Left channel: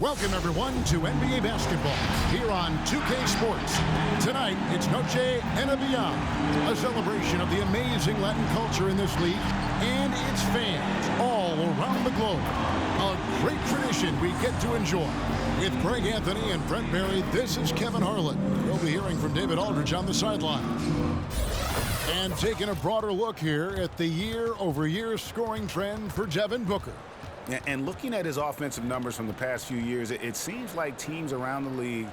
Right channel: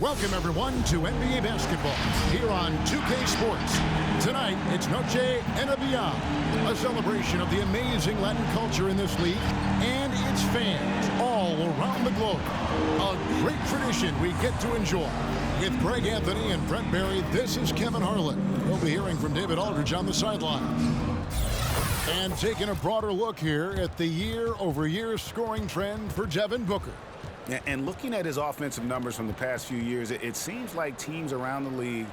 Welcome, everyone, to NBA basketball here on 2K Sports. Tonight, it's Noche NBA, a celebration of the amazing Latin culture in this league and its fans all around the globe. A great tradition we get to enjoy. With Greg Anthony and Brent Barry, this is Kevin Harlan. We'll be hearing from David Aldridge on the sideline. And taking a broader look here at the year-over-year scoring trend for Devin Booker. And looking at his offensive numbers from the past few years, it seems like teams around the league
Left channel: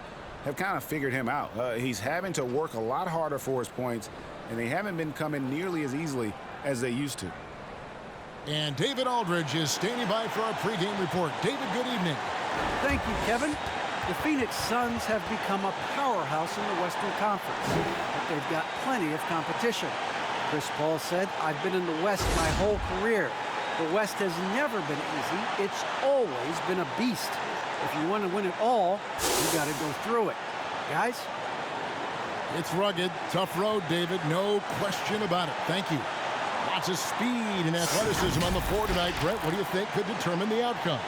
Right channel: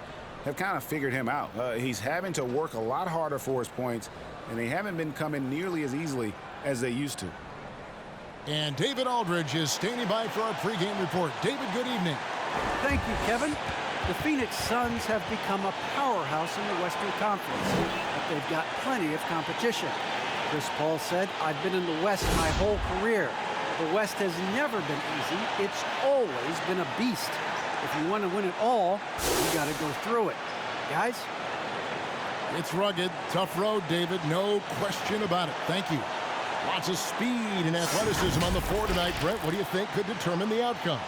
have kind of figured him out. He's having to work a lot harder for his points, and they haven't been coming nearly as easily as they used to. And David Aldridge is standing by for our pregame report. David, good evening. Thank you, Kevin. The Phoenix Suns have become a powerhouse in the Western Conference, but they've got plenty of competition. Chris Paul said, "I've been in the West my whole career. The West has never been easy. It's always been a beast. If you want to win it all, you got to go through it." Guys? It's rugged, tough road, David. No question about it. Thank you. Lots of speed and athleticism on the floor tonight. Brett, what do you think could determine the outcome?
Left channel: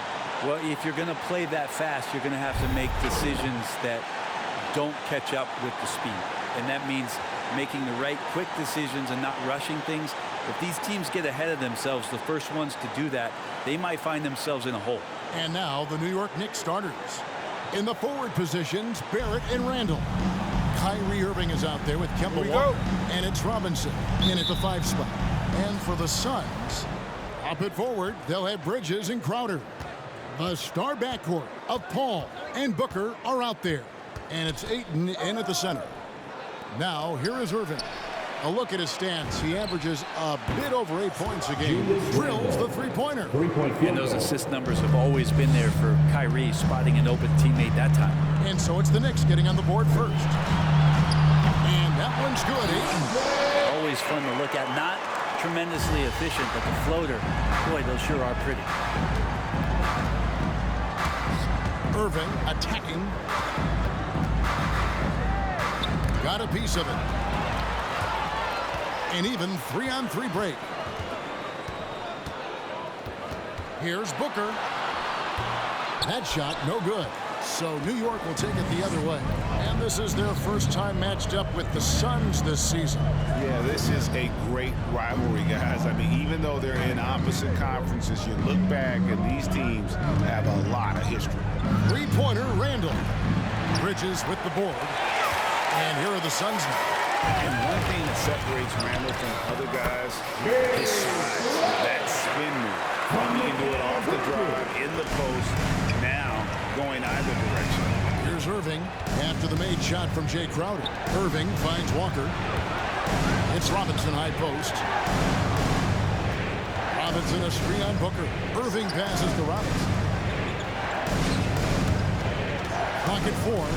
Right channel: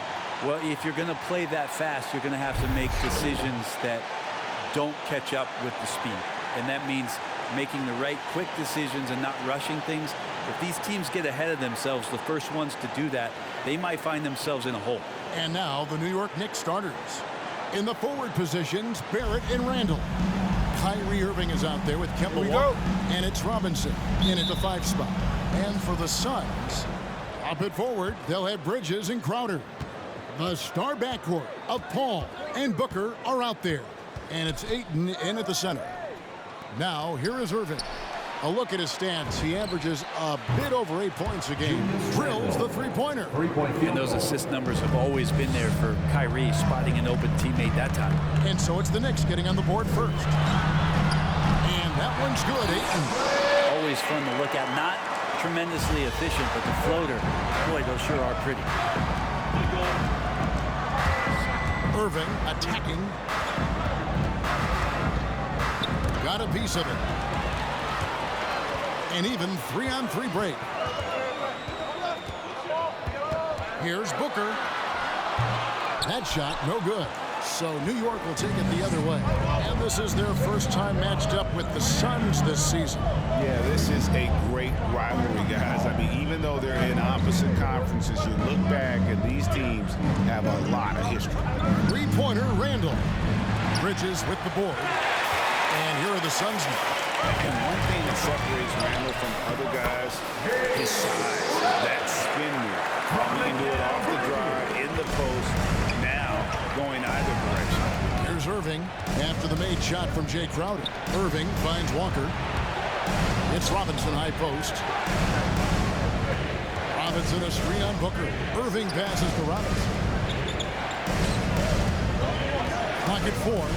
Well, if you're going to play that fast, you're going to have to make decisions that don't catch up with the speed. And that means making the right quick decisions and not rushing things. If these teams get ahead of themselves, the first ones to do that, they might find themselves in a hole. And now the New York Knicks starters. In the forward positions, Barrett and Randall. Kyrie Irving is out there with Kemba Walker. And it's Robinson in at the 5 spot. And for the Suns, up at forward, they'll have Bridges and Crowder. The star backcourt of Paul and Booker are out there. And it's Ayton in at the center. Now, here is Irving. A look at his stats. He averages a bit over 8 points a game. Drills the three-pointer. And those assist numbers have always been there for Kyrie, spotting an open teammate that time. And so it's the Knicks getting on the board first. And that one's good, Ayton. Always fun to look at. Not tremendously efficient, but the floater, boy, those sure are pretty. Irving attacking. Got a piece of it. An even 3-on-3 break. Here's Booker. That shot, no good. So New York will take it the other way. And this is their first time matched up with the Suns this season. Yeah, this is a great rivalry, guys. I mean, even though they're in opposite conferences, you look back and these teams have a lot of history. Three-pointer, Randall. Bridges with the board. And here are the Suns now. And one thing that separates Randall from other guys, his size, that spin move. He can do it off the drive, in the post, now going either direction. Here's Irving after the made shot from Jay Crowder. Irving finds Walker. It's Robinson high post. Robinson a screen on Booker. Irving passes to Robinson. Clock at 4.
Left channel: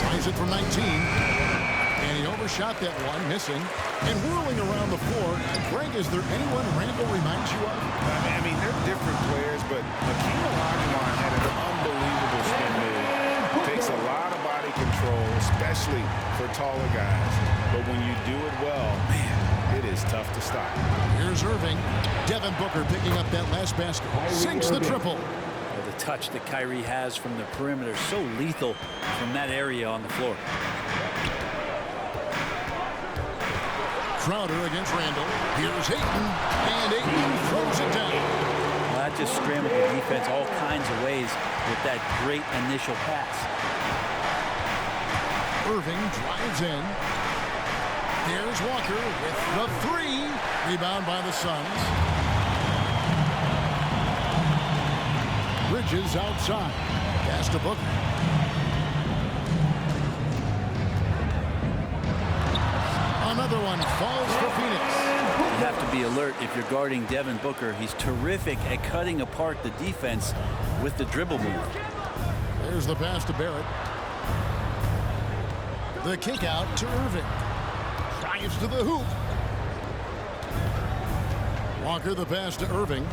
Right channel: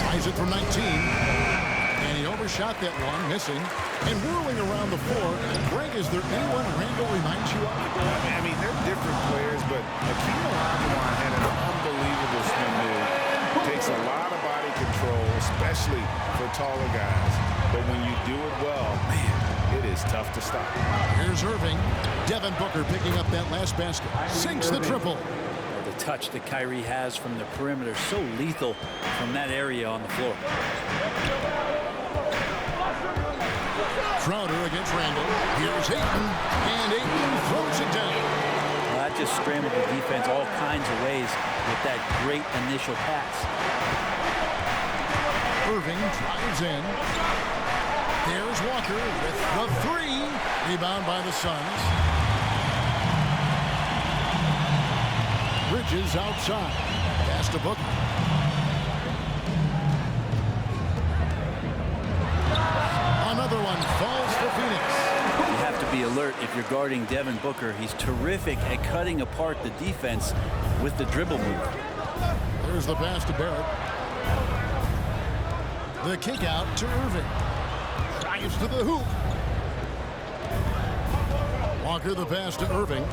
Tries it from 19. And he overshot that one, missing. And whirling around the floor. Greg, is there anyone Randall reminds you of? I mean, they're different players, but Hakeem Olajuwon had an unbelievable spin move. Takes a lot of body control, especially for taller guys. But when you do it well, man, it is tough to stop. Here's Irving. Devin Booker picking up that last basket. Sinks the triple. Oh, the touch that Kyrie has from the perimeter, so lethal from that area on the floor. Crowder against Randall. Here's Ayton. And Ayton throws it down. Well, that just scrambled the defense all kinds of ways with that great initial pass. Irving drives in. There's Walker with the 3. Rebound by the Suns. Bridges outside. Pass to Booker. Another one falls for Phoenix. You have to be alert if you're guarding Devin Booker. He's terrific at cutting apart the defense with the dribble move. There's the pass to Barrett. The kick out to Irving. Drives to the hoop. Walker the pass to Irving.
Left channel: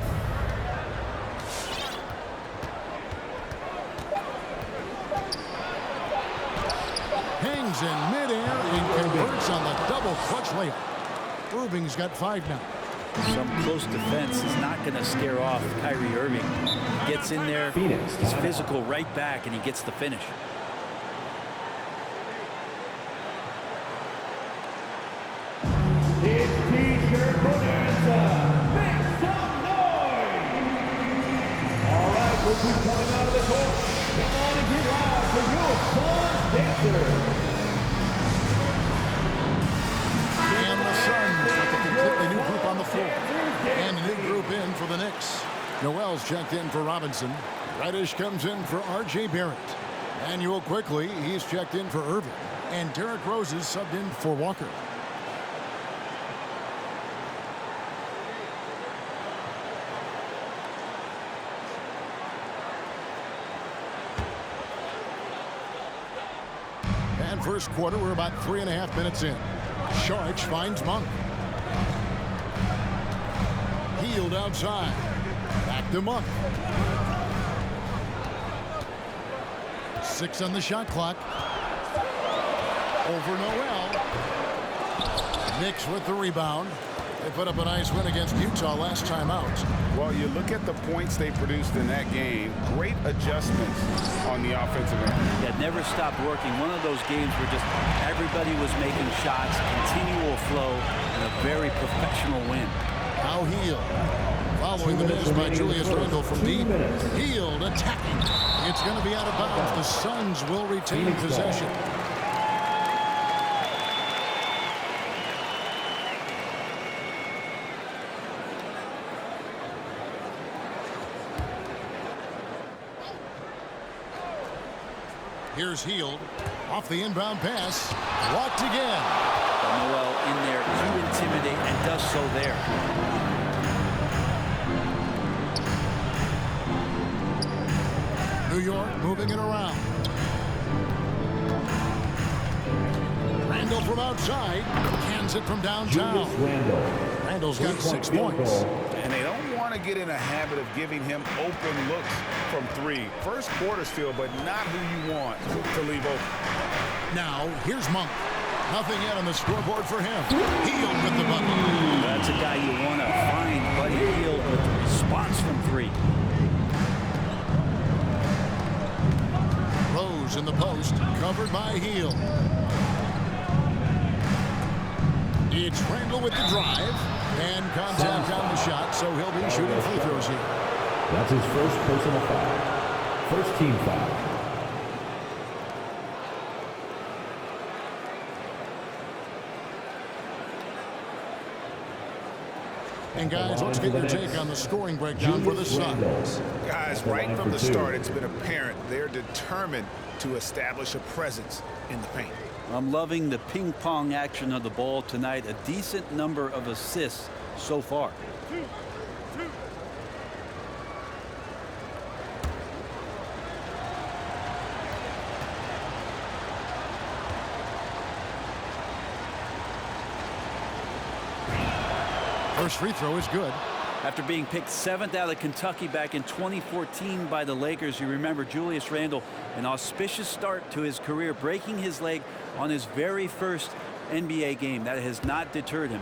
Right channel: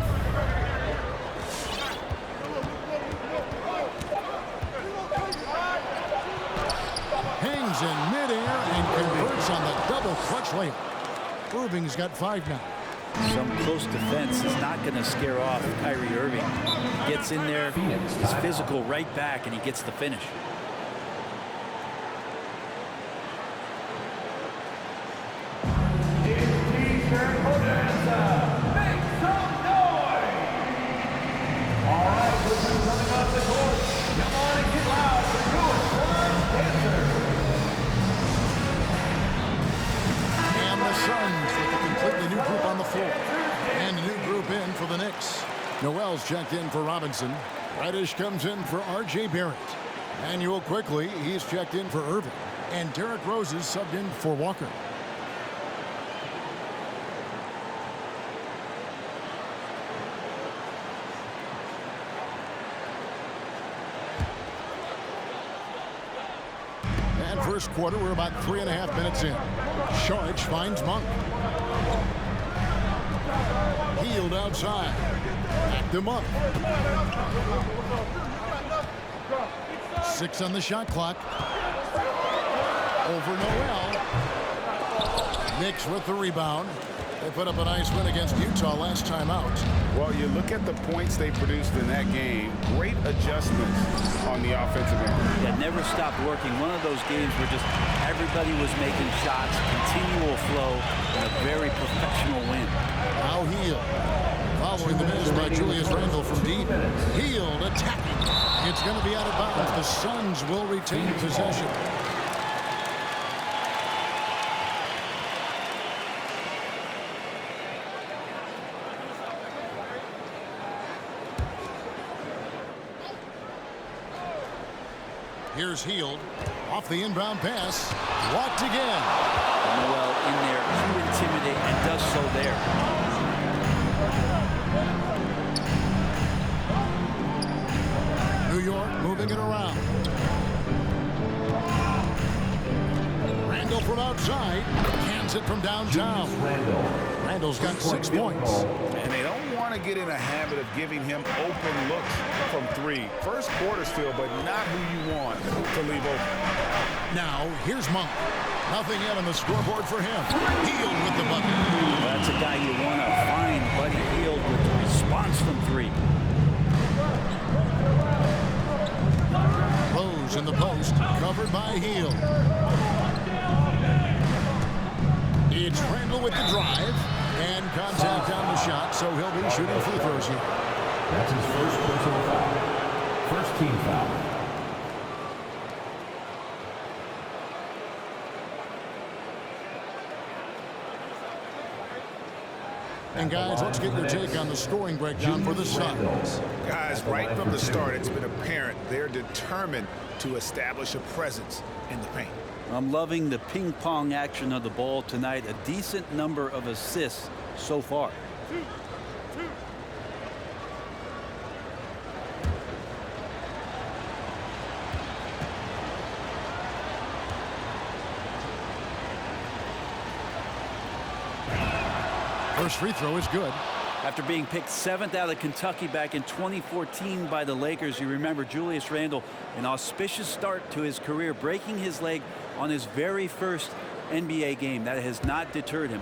Hangs in midair and converts on the double clutch layup. Irving's got 5 now. Some close defense is not going to scare off Kyrie Irving. He gets in there, he's physical right back, and he gets the finish. It's T-shirt bonanza. Make some noise. All right, look who's coming out of the court. Come on and get loud for your Suns dancers. And the Suns with a completely new group on the floor. And a new group in for the Knicks. Noel's checked in for Robinson. Reddish comes in for R.J. Barrett. Manuel quickly, he's checked in for Irving. And Derrick Rose is subbed in for Walker. And first quarter, we're about 3.5 minutes in. Sharch finds Monk. Healed outside. Back to Monk. 6 on the shot clock. Over Noel. Knicks with the rebound. They put up a nice win against Utah last time out. Well, you look at the points they produced in that game. Great adjustments on the offensive end. Yeah, never stopped working. One of those games where just everybody was making shots, continual flow, and a very professional win. Now Hield. Following the miss by Julius Randle from deep. Hield attacking. It's going to be out of bounds. The Suns will retain possession. Here's Hield. Off the inbound pass. Blocked again. And Noel in there to intimidate and does so there. New York moving it around. Randle from outside. Cans it from downtown. Randle's got 6 points. And they don't want to get in a habit of giving him open looks from 3. First quarter still, but not who you want to leave open. Now, here's Monk. Nothing yet on the scoreboard for him. Hield with the bucket. That's a guy you want to find, Buddy Hield with the response from 3. Rose in the post, covered by Hield. It's Randle with the drive. And contact on the shot, so he'll be shooting free throws here. That's his first personal foul. First team foul. And guys, let's get your take on the scoring breakdown for the Suns. Guys, right from the start, it's been apparent they're determined to establish a presence in the paint. I'm loving the ping pong action of the ball tonight. A decent number of assists so far. 2. First free throw is good. After being picked 7th out of Kentucky back in 2014 by the Lakers, you remember Julius Randle, an auspicious start to his career, breaking his leg on his very first NBA game. That has not deterred him.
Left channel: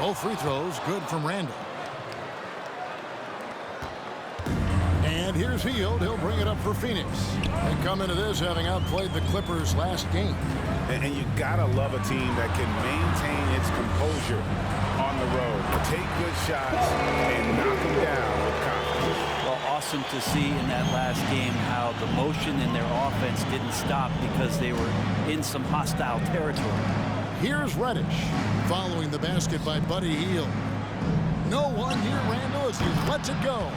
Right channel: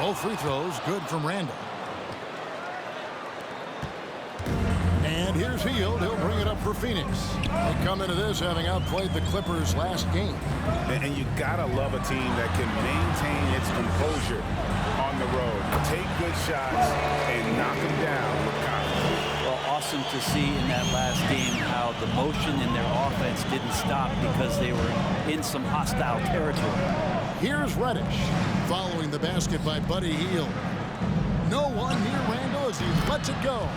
Both free throws good from Randle. And here's Hield. He'll bring it up for Phoenix. They come into this having outplayed the Clippers last game. And you gotta love a team that can maintain its composure on the road. Take good shots and knock them down with confidence. Well, awesome to see in that last game how the motion in their offense didn't stop because they were in some hostile territory. Here's Reddish following the basket by Buddy Hield. No one near Randle as he lets it go.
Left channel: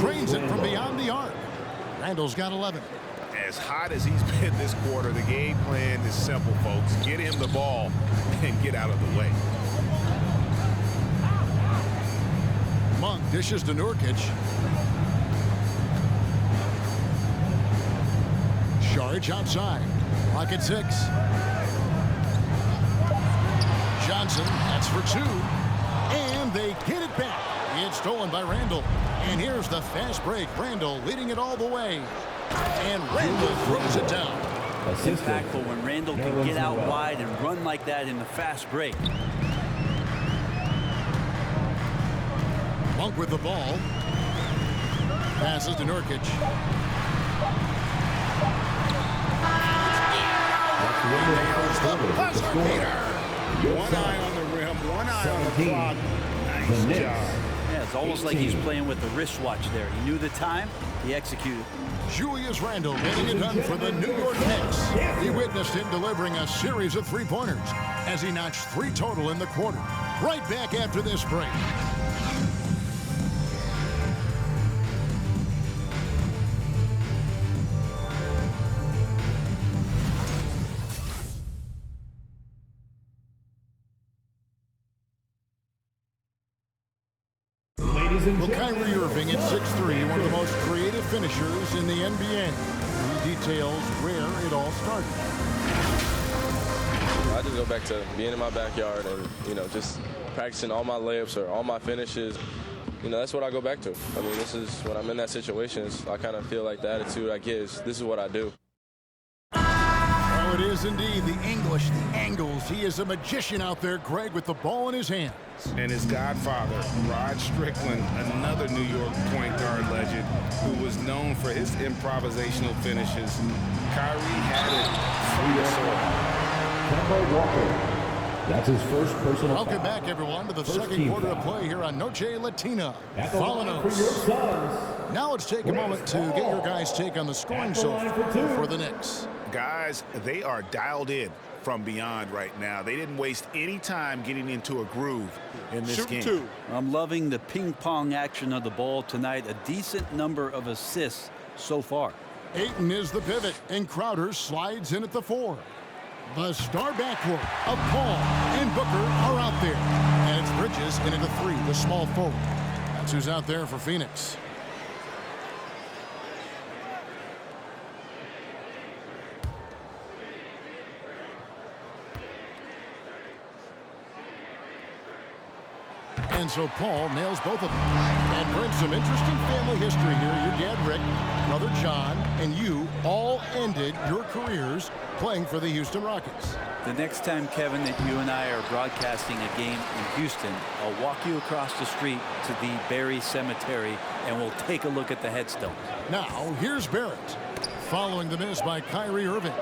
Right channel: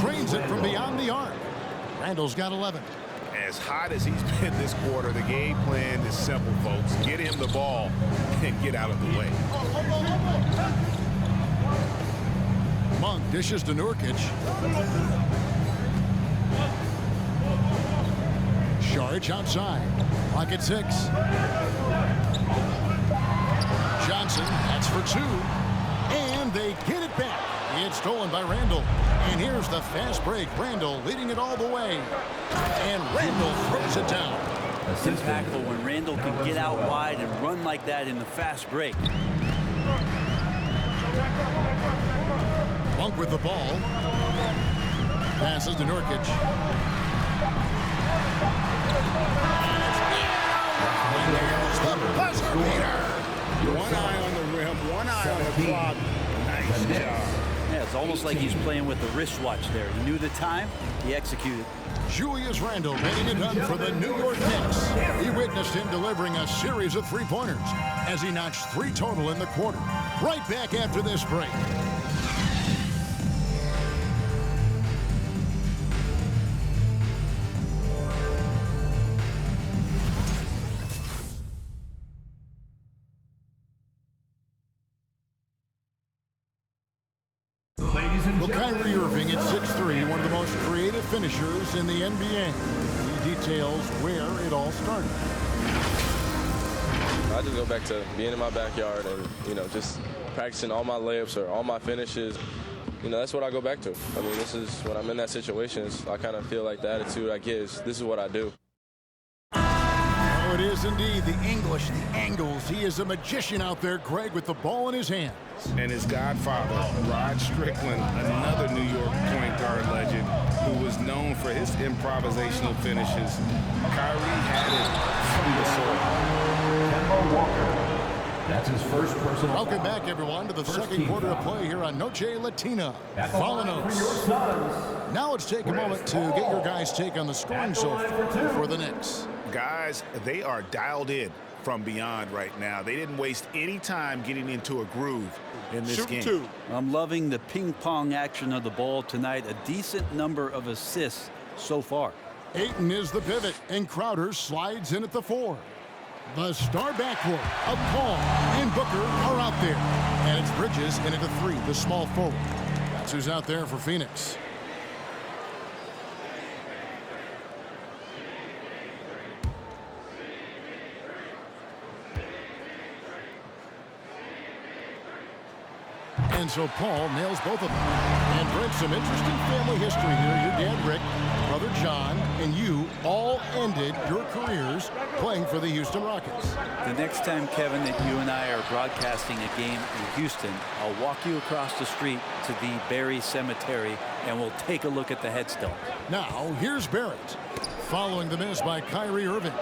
Trains it from beyond the arc. Randle's got 11. As hot as he's been this quarter, the game plan is simple, folks. Get him the ball and get out of the way. Monk dishes to Nurkic. Sharch outside. Clock at 6. Johnson, that's for 2. And they get it back. It's It's stolen by Randall. And here's the fast break. Randall leading it all the way. And Randall throws it down. Impactful when Randall can get out wide and run like that in the fast break. Monk with the ball. Passes to Nurkic. He nails the buzzer beater. One eye on the rim, one eye on the clock. Nice job. Yeah, it's almost like he's playing with the wristwatch there. He knew the time, he executed. Julius Randle getting it done for the New York Knicks. He witnessed him delivering a series of three-pointers as he notched 3 total in the quarter. Right back after this break. Well, Kyrie Irving at 6'3", one of the most creative finishers in the NBA. He details where it all started. I just go back to being in my backyard and, just practicing all my layups or all my finishes. That's what I go back to. I mean, this is when I'm in that situation, I kind of feel like the attitude I get is this is what I do. Oh, it is indeed the English, the angles. He is a magician out there, Greg, with the ball in his hands. And his godfather, Rod Strickland, another New York point guard legend who was known for his improvisational finishes. Kyrie had it from the soil. Kemba Walker. That's his first personal Welcome foul. back, everyone, to the First second team quarter foul. of play here on Noche Latina. At the line for your Suns. Now let's take a moment to get your guys' take on the scoring At the so line far for two. for the Knicks. Guys, they are dialed in from beyond right now. They didn't waste any time getting into a groove in this game. I'm loving the ping-pong action of the ball tonight. A decent number of assists so far. Ayton is the pivot, and Crowder slides in at the 4. The star backcourt of Paul and Booker are out there. And it's Bridges in at the 3, the small forward. That's who's out there for Phoenix. And so Paul nails both of them. And brings some interesting family history here. Your dad, Rick, brother John, and you all ended your careers playing for the Houston Rockets. The next time, Kevin, that you and I are broadcasting a game in Houston, I'll walk you across the street to the Barry Cemetery, and we'll take a look at the headstone. Now, here's Barrett. Following the miss by Kyrie Irving.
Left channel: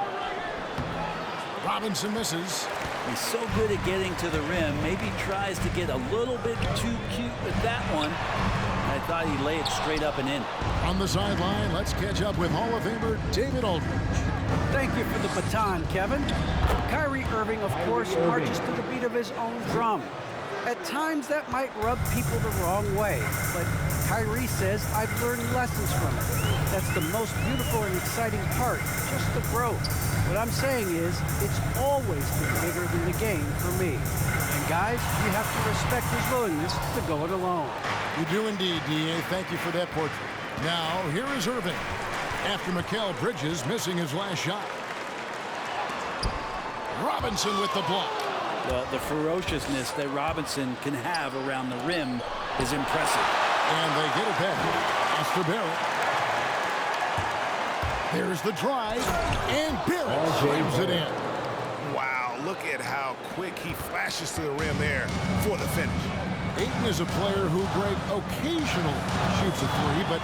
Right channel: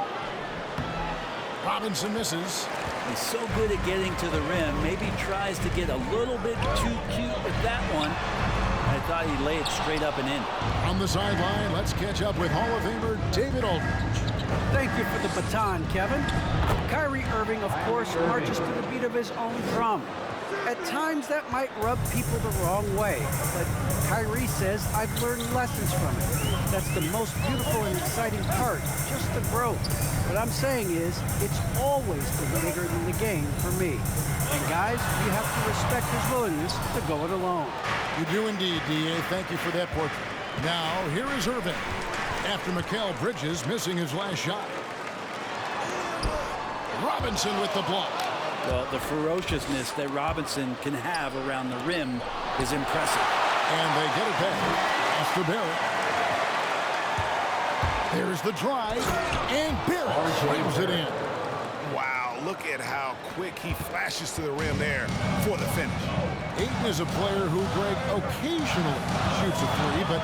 Robinson misses. He's so good at getting to the rim. Maybe tries to get a little bit too cute with that one. I thought he'd lay it straight up and in. On the sideline, let's catch up with Hall of Famer David Aldridge. Thank you for the baton, Kevin. Kyrie Irving, of course, marches to the beat of his own drum. At times, that might rub people the wrong way, but Kyrie says, I've learned lessons from it. That's the most beautiful and exciting part, just the growth. What I'm saying is, it's always been bigger than the game for me. And guys, you have to respect his willingness to go it alone. You do indeed, D.A. Thank you for that portrait. Now, here is Irving. After Mikal Bridges missing his last shot. Robinson with the block. Well, the ferociousness that Robinson can have around the rim is impressive. And they get it back. After Barrett. There's the drive. And Barrett slams it in. Wow, look at how quick he flashes to the rim there for the finish. Ayton is a player who, Greg, occasionally shoots a 3, but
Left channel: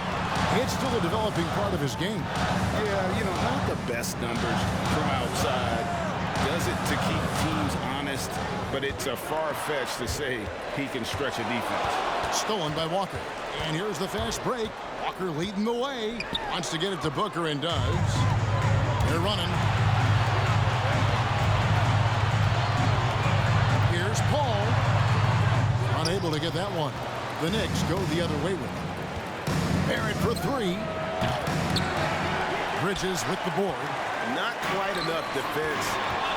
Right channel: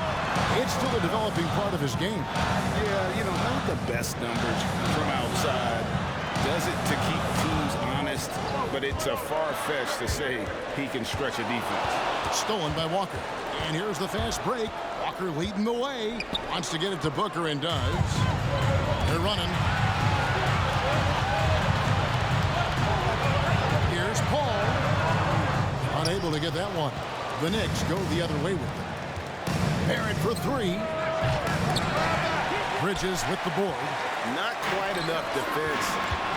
it's still a developing part of his game. Yeah, not the best numbers from outside. Does it to keep teams honest, but it's a far-fetched to say he can stretch a defense. Stolen by Walker. And here's the fast break. Walker leading the way. Wants to get it to Booker and does. They're running. Here's Paul. Unable to get that one. The Knicks go the other way with it. Barrett for 3. Bridges with the board. Not quite enough defense.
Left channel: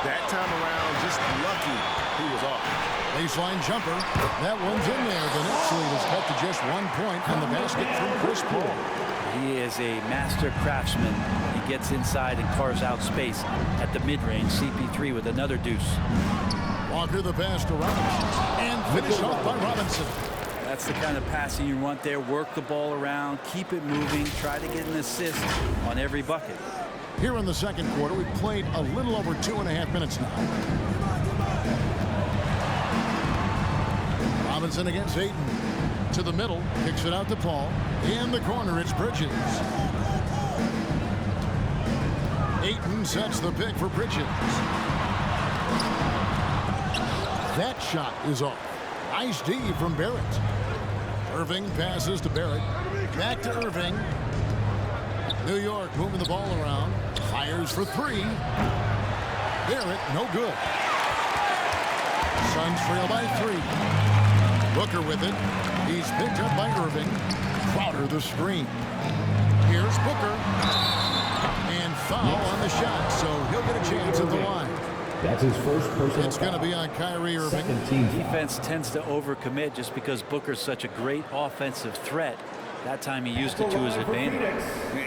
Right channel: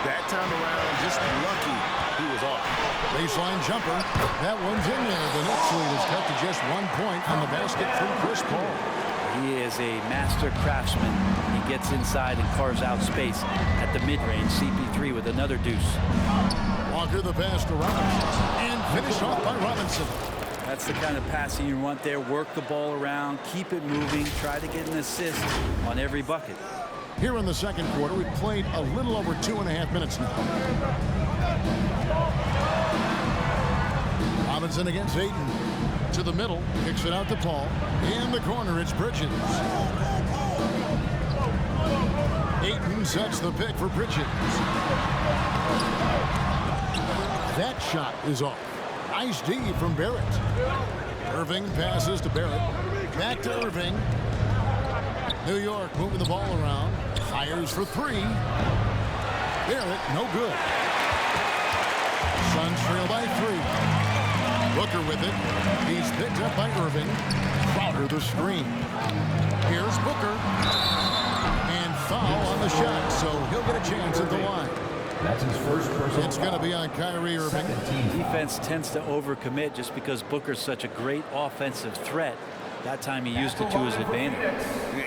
That time around, just lucky he was off. Baseline jumper. That one's in there. The Knicks lead is cut to just 1 point on the basket from Chris Paul. He is a master craftsman. He gets inside and carves out space at the mid-range. CP3 with another deuce. Walker the pass to Robinson. And finish off by Robinson. That's the kind of passing you want there. Work the ball around, keep it moving, try to get an assist on every bucket. Here in the second quarter, we've played a little over 2.5 minutes now. Robinson against Ayton. To the middle, kicks it out to Paul. In the corner, it's Bridges. Ayton sets the pick for Bridges. That shot is off. Nice D from Barrett. Irving passes to Barrett. Back to Irving. New York moving the ball around. Fires for three. Barrett, no good. Suns trail by 3. Booker with it. He's picked up by Irving. Crowder the screen. Here's Booker. And foul on the shot, so he'll get a chance at the line. That's his first personal It's going to be on Kyrie Irving. Defense tends to overcommit just because Booker's such a great offensive threat. That time he used it to his advantage.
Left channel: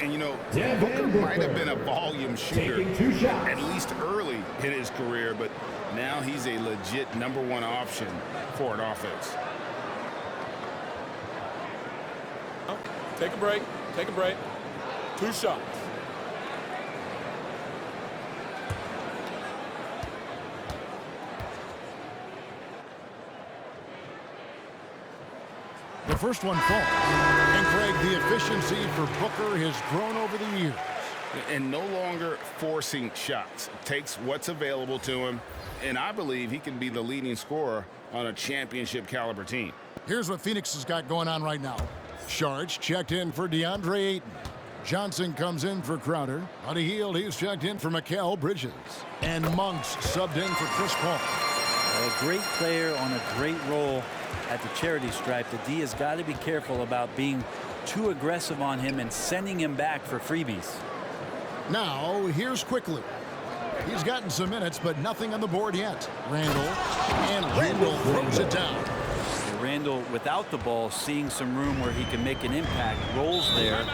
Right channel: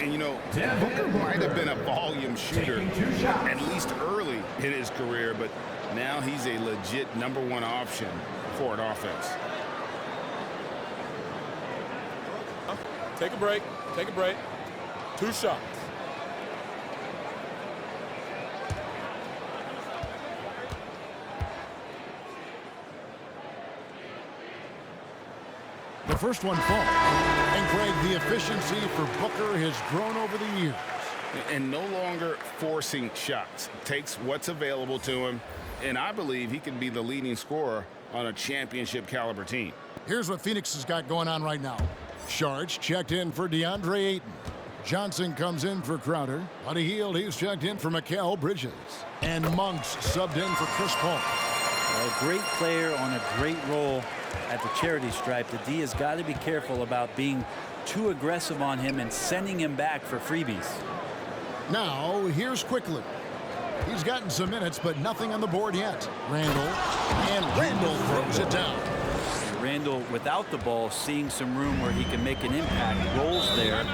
And you know, Booker might have been a volume shooter at least early in his career, but now he's a legit #1 option for an offense. Take a break. Take a break. 2 shots. The first one falls. And Craig, the efficiency for Booker has grown over the years. And no longer forcing shots. Takes what's available to him, and I believe he can be the leading scorer on a championship caliber team. Here's what Phoenix has got going on right now. Sharge checked in for DeAndre Ayton. Johnson comes in for Crowder. Buddy Hield, he's checked in for Mikal Bridges. And Monk's subbed in for Chris Paul. A great player on a great role at the charity stripe. The D has got to be careful about being too aggressive on him and sending him back for freebies. Now, here's Quickly. He's gotten some minutes, but nothing on the board yet. Randall throws it down. Randall, without the ball, seeing some room where he can make an impact, rolls there,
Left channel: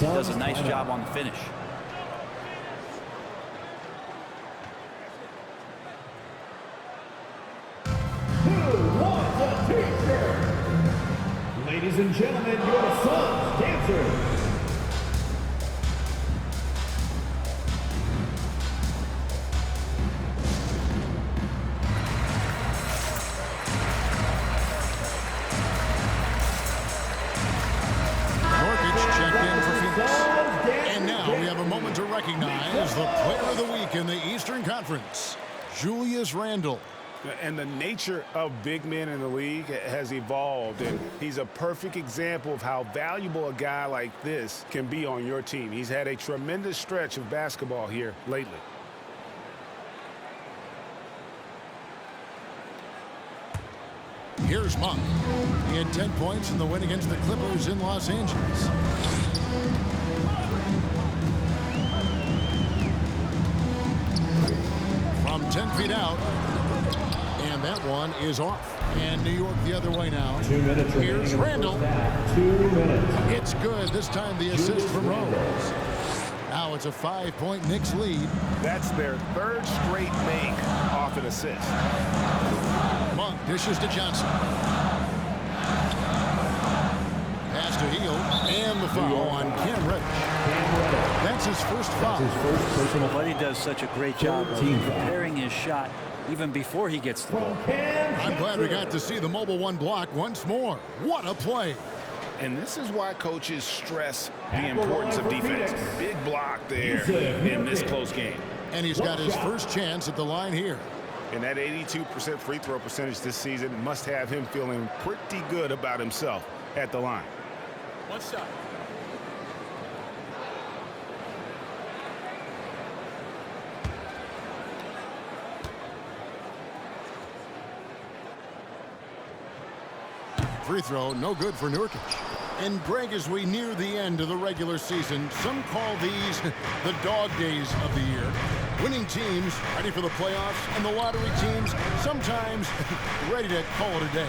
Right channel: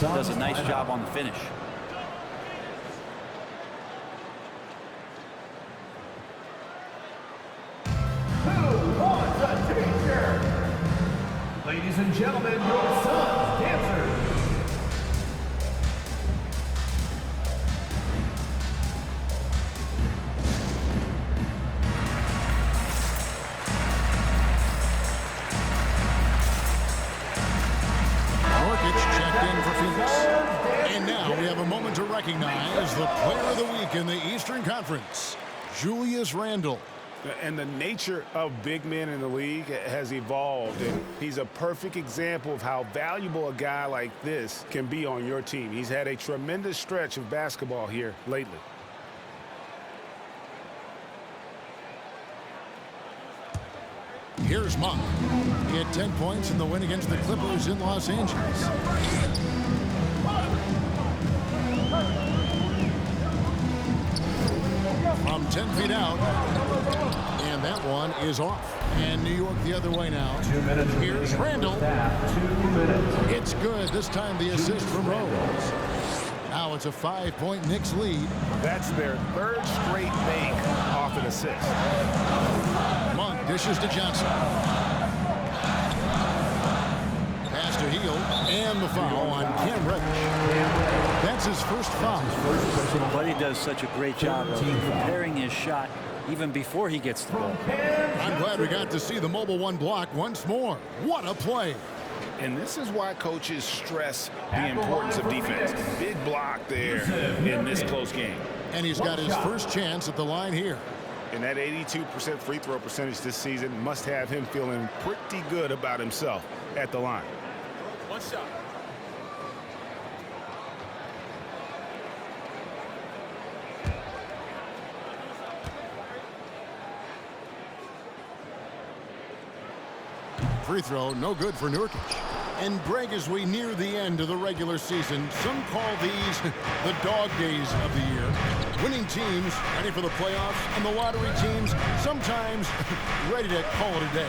does a nice job on the finish. Who wants a t-shirt? Ladies and gentlemen, your Suns dancers. Checked in for Phoenix. And now we have a moment to recognize the player of the week in the Eastern Conference, Julius Randle. And the nature of big men in the league has evolved, and he's a perfect example of how valuable a guy like this can be on your team. He's had a tremendous stretch of basketball here lately. Here's Monk. He had 10 points in the win against the Clippers in Los Angeles. From 10 feet out. And that one is off. And New York the other way now. 2 minutes. Here's Randle. 2 minutes. It's good. This time the assist from Rose. Now it's a 5-point Knicks lead. That's their 3rd straight make off an assist. Monk dishes to Johnson. Pass to Hield. And the foul on Cam Reddish. That's his first foul. Buddy does such a great job of preparing his shot even before he gets the ball. I'm glad we got to see the mobile one block once more. What a play. And this is why coaches stress the importance of defense. Big block there in this close game. And he's got his first chance at the line here. And that 82% free throw percentage this season must have him feeling pretty good about himself at the line. 1 shot. Free throw, no good for Nurkic. And Greg, as we near the end of the regular season, some call these the dog days of the year. Winning teams ready for the playoffs, and the lottery teams sometimes ready to call it a day.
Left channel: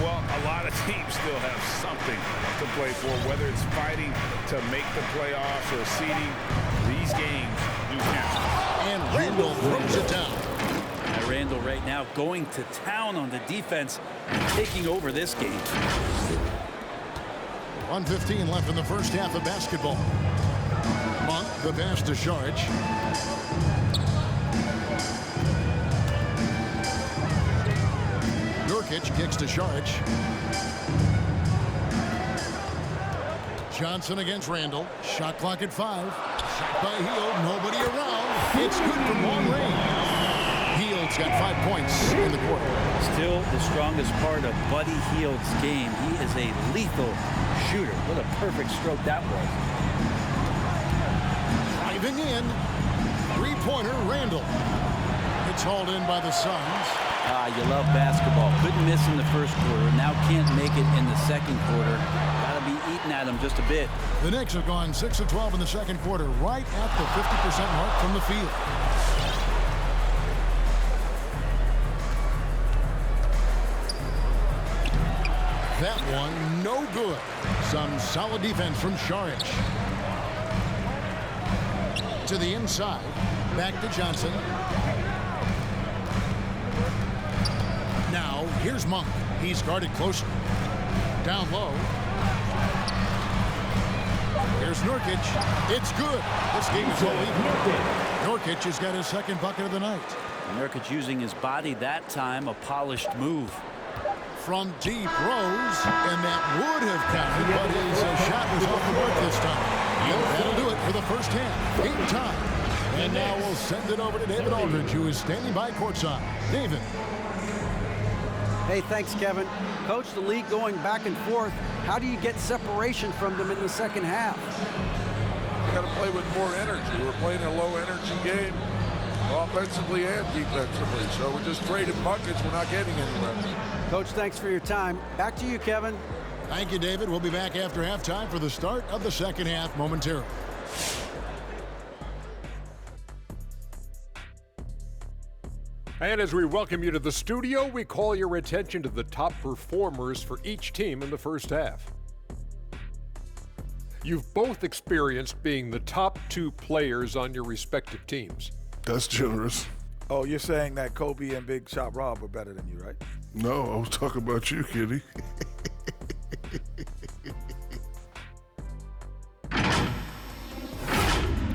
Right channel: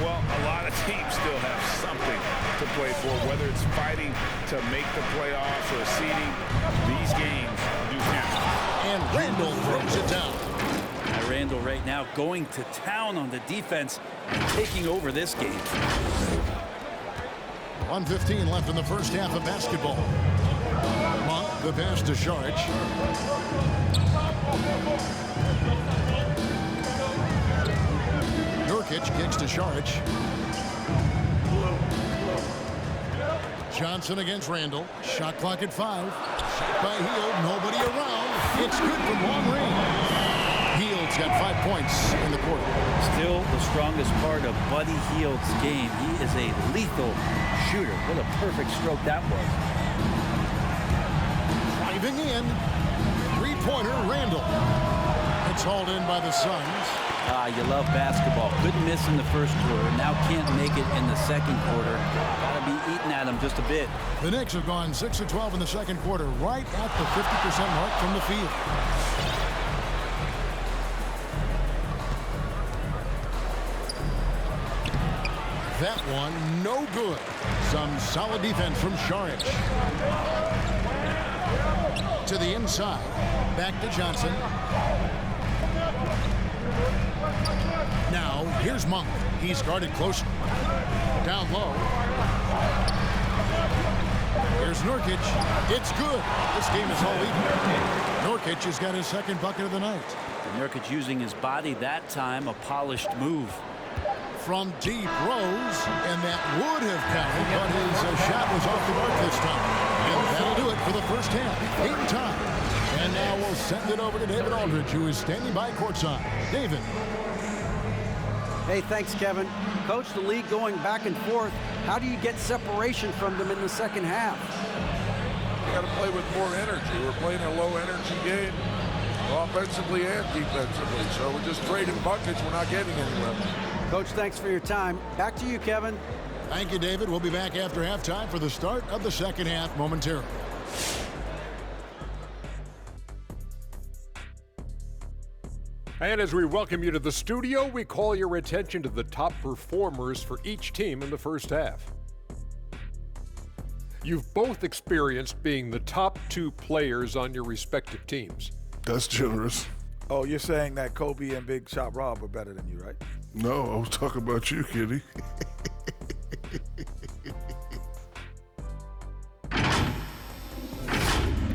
Well, a lot of teams still have something to play for, whether it's fighting to make the playoffs or seeding. These games do count. And Randle throws it down. Now Randall right now going to town on the defense and taking over this game. 1:15 left in the first half of basketball. Monk, the pass to Saric. Nurkic kicks to Saric. Johnson against Randall. Shot clock at 5. Shot by Hield. Nobody around. It's good from long range. Hield's got 5 points in the quarter. Still the strongest part of Buddy Hield's game. He is a lethal shooter. What a perfect stroke that was. Driving in. Three-pointer, Randall. It's hauled in by the Suns. You love basketball. Couldn't miss in the first quarter. Now can't make it in the second quarter. Got to be eating at him just a bit. The Knicks have gone 6 of 12 in the second quarter, right at the 50% mark from the field. That one, no good. Some solid defense from Saric. To the inside. Back to Johnson. Now, here's Monk. He's guarded closer. Down low. Here's Nurkic. It's good. This game is all even. Nurkic has got his second bucket of the night. And Nurkic using his body that time, a polished move. From deep Rose, and that would have counted, but his shot was off the mark this time. And that'll do it for the first half. Game time. And now we'll send it over to David Aldridge, who is standing by courtside. David. Hey, thanks, Kevin. Coach, the league going back and forth. How do you get separation from them in the second half? You got to play with more energy. We're playing a low-energy game, offensively and defensively. So we're just trading buckets. We're not getting anywhere. Coach, thanks for your time. Back to you, Kevin. Thank you, David. We'll be back after halftime for the start of the second half momentarily. And as we welcome you to the studio, we call your attention to the top performers for each team in the first half. You've both experienced being the top 2 players on your respective teams. That's generous. Oh, you're saying that Kobe and Big Shot Rob are better than you, right? No, I was talking about you, Kitty.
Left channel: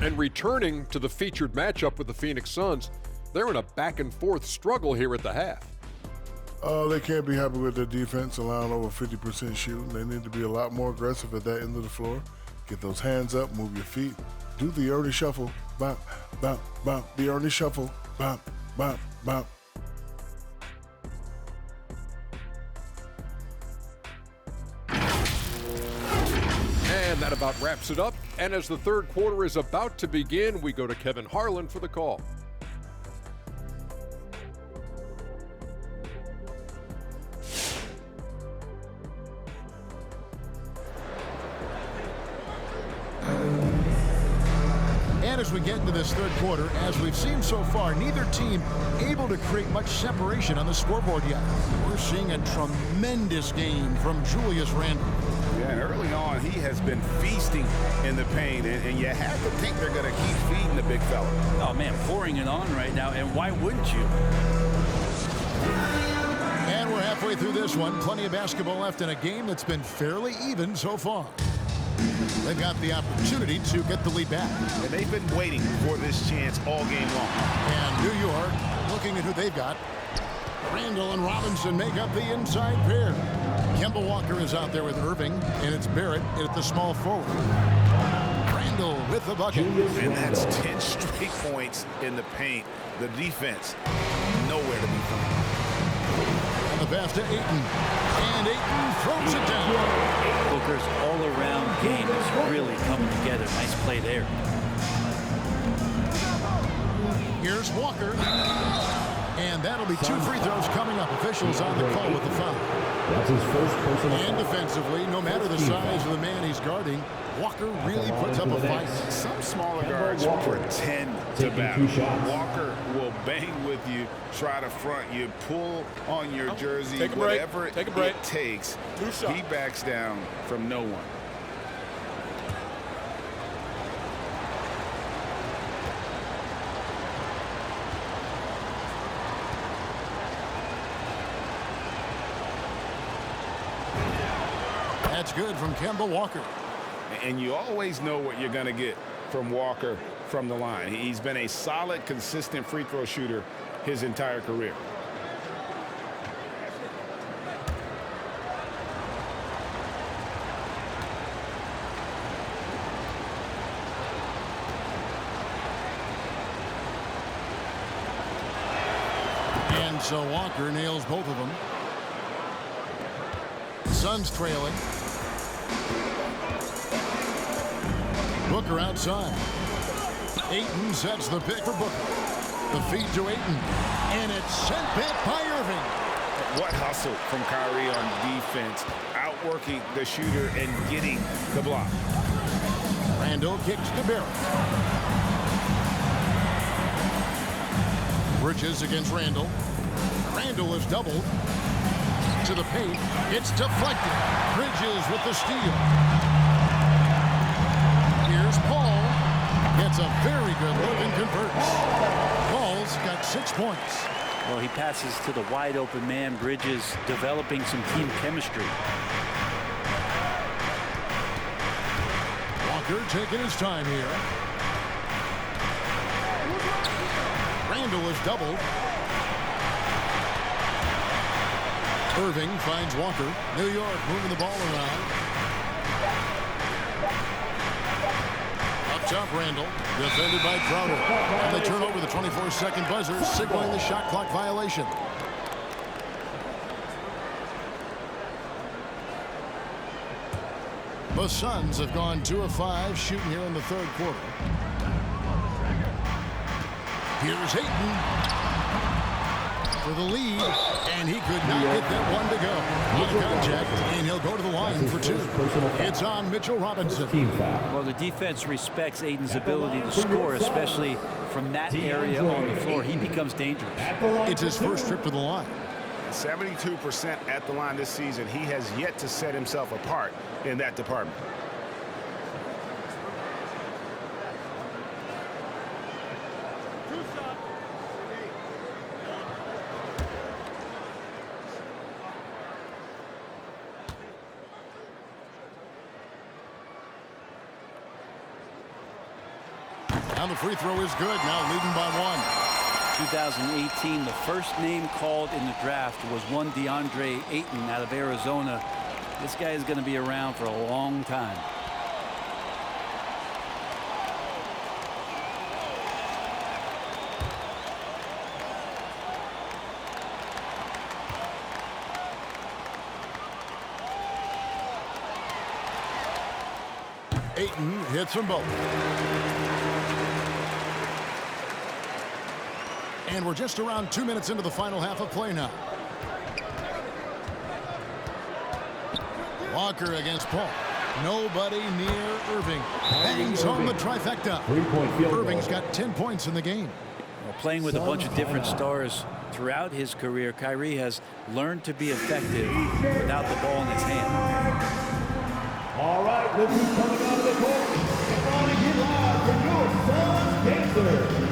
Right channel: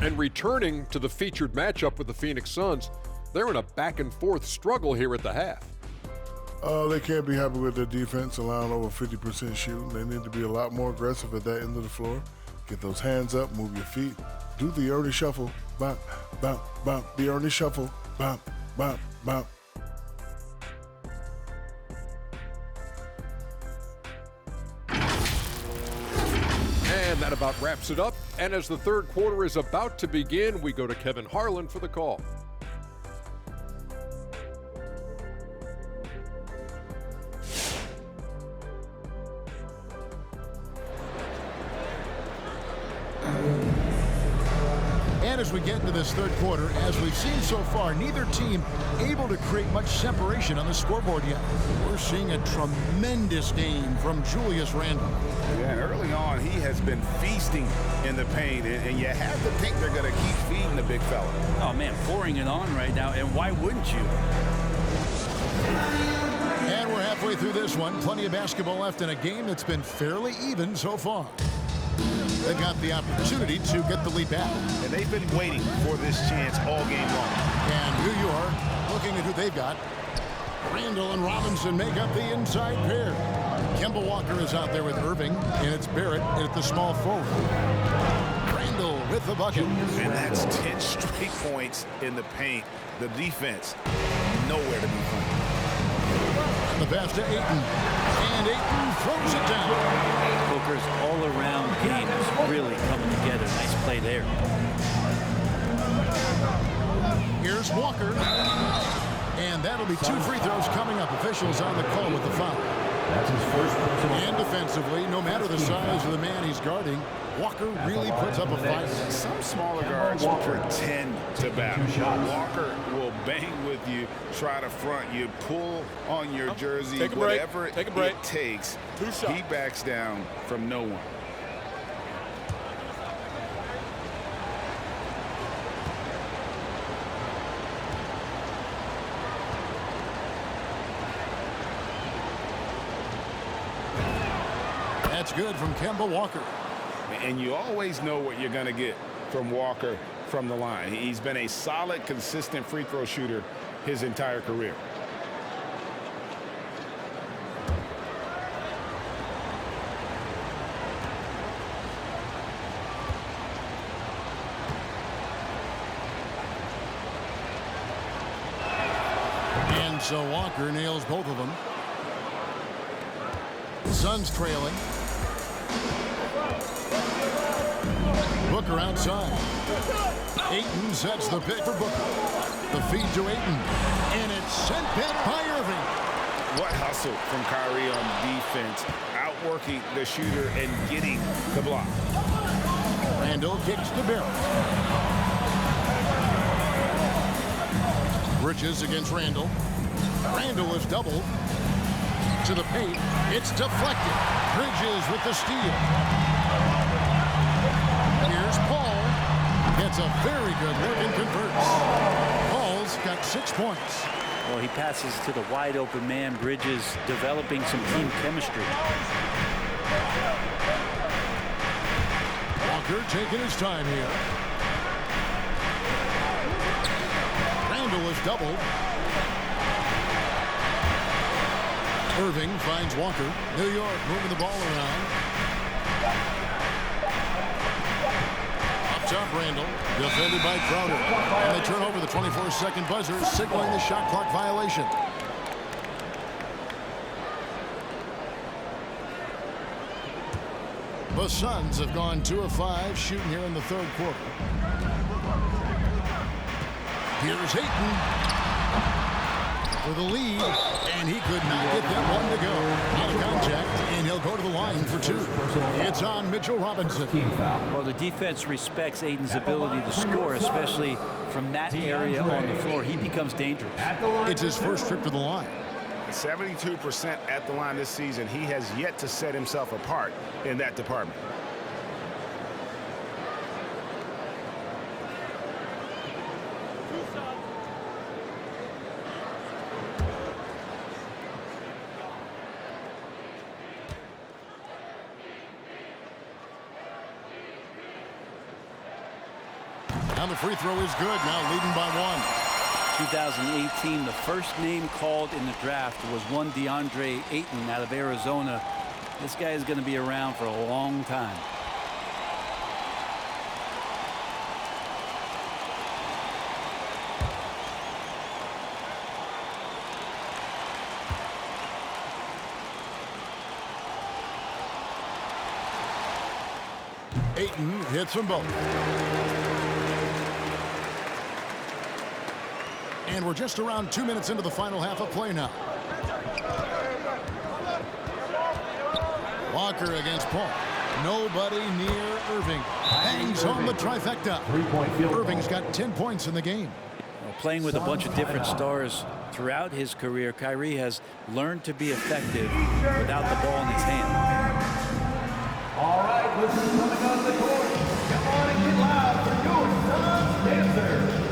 And returning to the featured matchup with the Phoenix Suns, they're in a back-and-forth struggle here at the half. They can't be happy with their defense, allowing over 50% shooting. They need to be a lot more aggressive at that end of the floor. Get those hands up, move your feet. Do the Ernie shuffle. Bop, bop, bop. The Ernie shuffle. Bop, bop, bop. And that about wraps it up. And as the third quarter is about to begin, we go to Kevin Harlan for the call. And as we get into this third quarter, as we've seen so far, neither team able to create much separation on the scoreboard yet. We're seeing a tremendous game from Julius Randle. Yeah, and early on, he has been feasting in the paint, and you have to think they're going to keep feeding the big fella. Oh, man, pouring it on right now, and why wouldn't you? And we're halfway through this one. Plenty of basketball left in a game that's been fairly even so far. They've got the opportunity to get the lead back. And they've been waiting for this chance all game long. And New York, looking at who they've got. Randall and Robinson make up the inside pair. Kemba Walker is out there with Irving, and it's Barrett at the small forward. Randall with the bucket. And that's 10 straight points in the paint. The defense, nowhere to be found. And the pass to Ayton. And Ayton throws it down. Booker's all-around game is really coming together. Nice play there. Here's Walker. And that'll be 2 free throws coming up. Officials on the call with the foul. That's his first personal And defensively, no matter the size of the man he's guarding, Walker really puts up a fight. Some smaller guards pretend to battle. Walker will bang with you, try to front you, pull on your jersey, whatever it takes. He backs down from no one. That's good from Kemba Walker. And you always know what you're going to get from Walker from the line. He's been a solid, consistent free throw shooter his entire career. And so Walker nails both of them. Suns trailing. Booker outside. Ayton sets the pick for Booker. The feed to Ayton. And it's sent back by Irving. What hustle from Kyrie on defense, outworking the shooter and getting the block. Randall kicks to Barrett. Bridges against Randall. Randall is doubled. To the paint. It's deflected. Bridges with the steal. Here's Paul. Gets a very good look and converts. Paul's got 6 points. Well, he passes to the wide open man. Bridges developing some team chemistry. Walker taking his time here. Randall is doubled. Irving finds Walker. New York moving the ball around. Up top, Randall. Defended by Crowder. And they turn over the 24-second buzzer, signaling the shot clock violation. The Suns have gone 2 of 5 shooting here in the third quarter. Here's Ayton for the lead, and he could not get that one to go. Out of contact, and he'll go to the line for 2. It's on Mitchell Robinson. Well, the defense respects Ayton's ability to score, especially from that area on the floor. He becomes dangerous. It's his first trip to the line. 72% at the line this season. He has yet to set himself apart in that department. Now the free throw is good. Now leading by 1. 2018, the first name called in the draft was one DeAndre Ayton out of Arizona. This guy is going to be around for a long time. Ayton hits them both. And we're just around 2 minutes into the final half of play now. Walker against Paul. Nobody near Irving. Bangs home the trifecta. Irving's got 10 points in the game. Well, playing with a bunch of different stars throughout his career, Kyrie has learned to be effective without the ball in his hand. All right, look who's coming onto the court. Come on and get loud for your Suns dancer.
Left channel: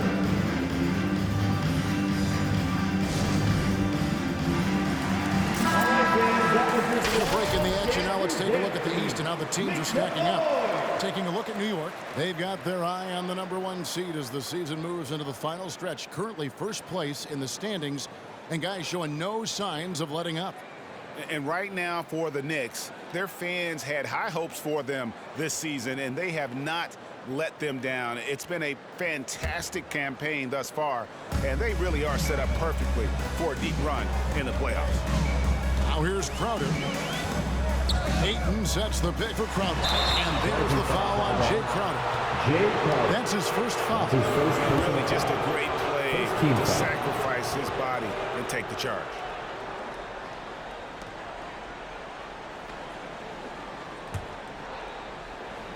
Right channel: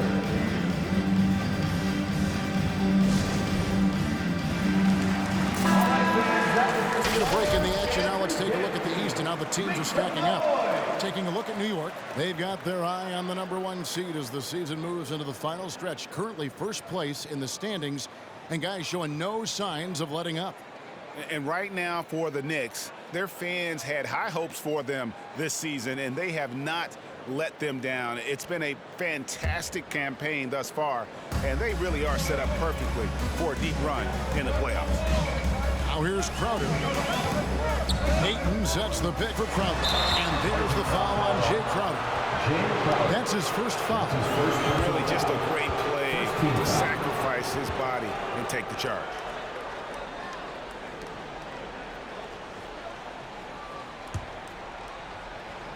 Let's get a break in the action. Now let's take a look at the East and how the teams are stacking up. Taking a look at New York, they've got their eye on the #1 seed as the season moves into the final stretch. Currently first place in the standings, and guys showing no signs of letting up. And right now for the Knicks, their fans had high hopes for them this season, and they have not let them down. It's been a fantastic campaign thus far, and they really are set up perfectly for a deep run in the playoffs. Now here's Crowder. Ayton sets the pick for Crowder. And there's the foul on Jay Crowder. That's his first foul. And really just a great play to sacrifice his body and take the charge.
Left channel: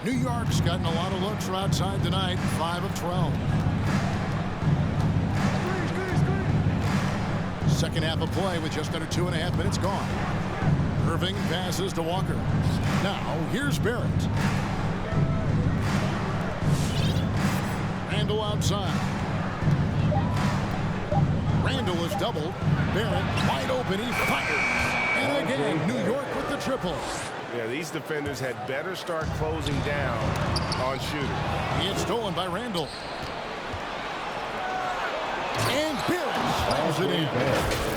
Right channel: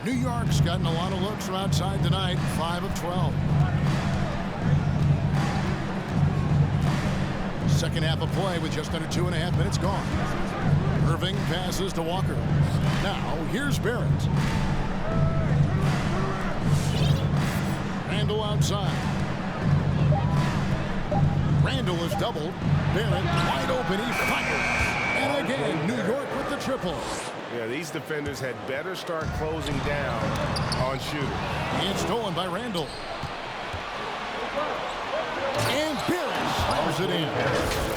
New York's gotten a lot of looks from outside tonight. 5 of 12. Second half of play with just under 2.5 minutes gone. Irving passes to Walker. Now here's Barrett. Randall outside. Randall is doubled. Barrett wide open. He fires. And again, New York with the triple. Yeah, these defenders had better start closing down on shooters. It's stolen by Randall. And Barrett slams it in.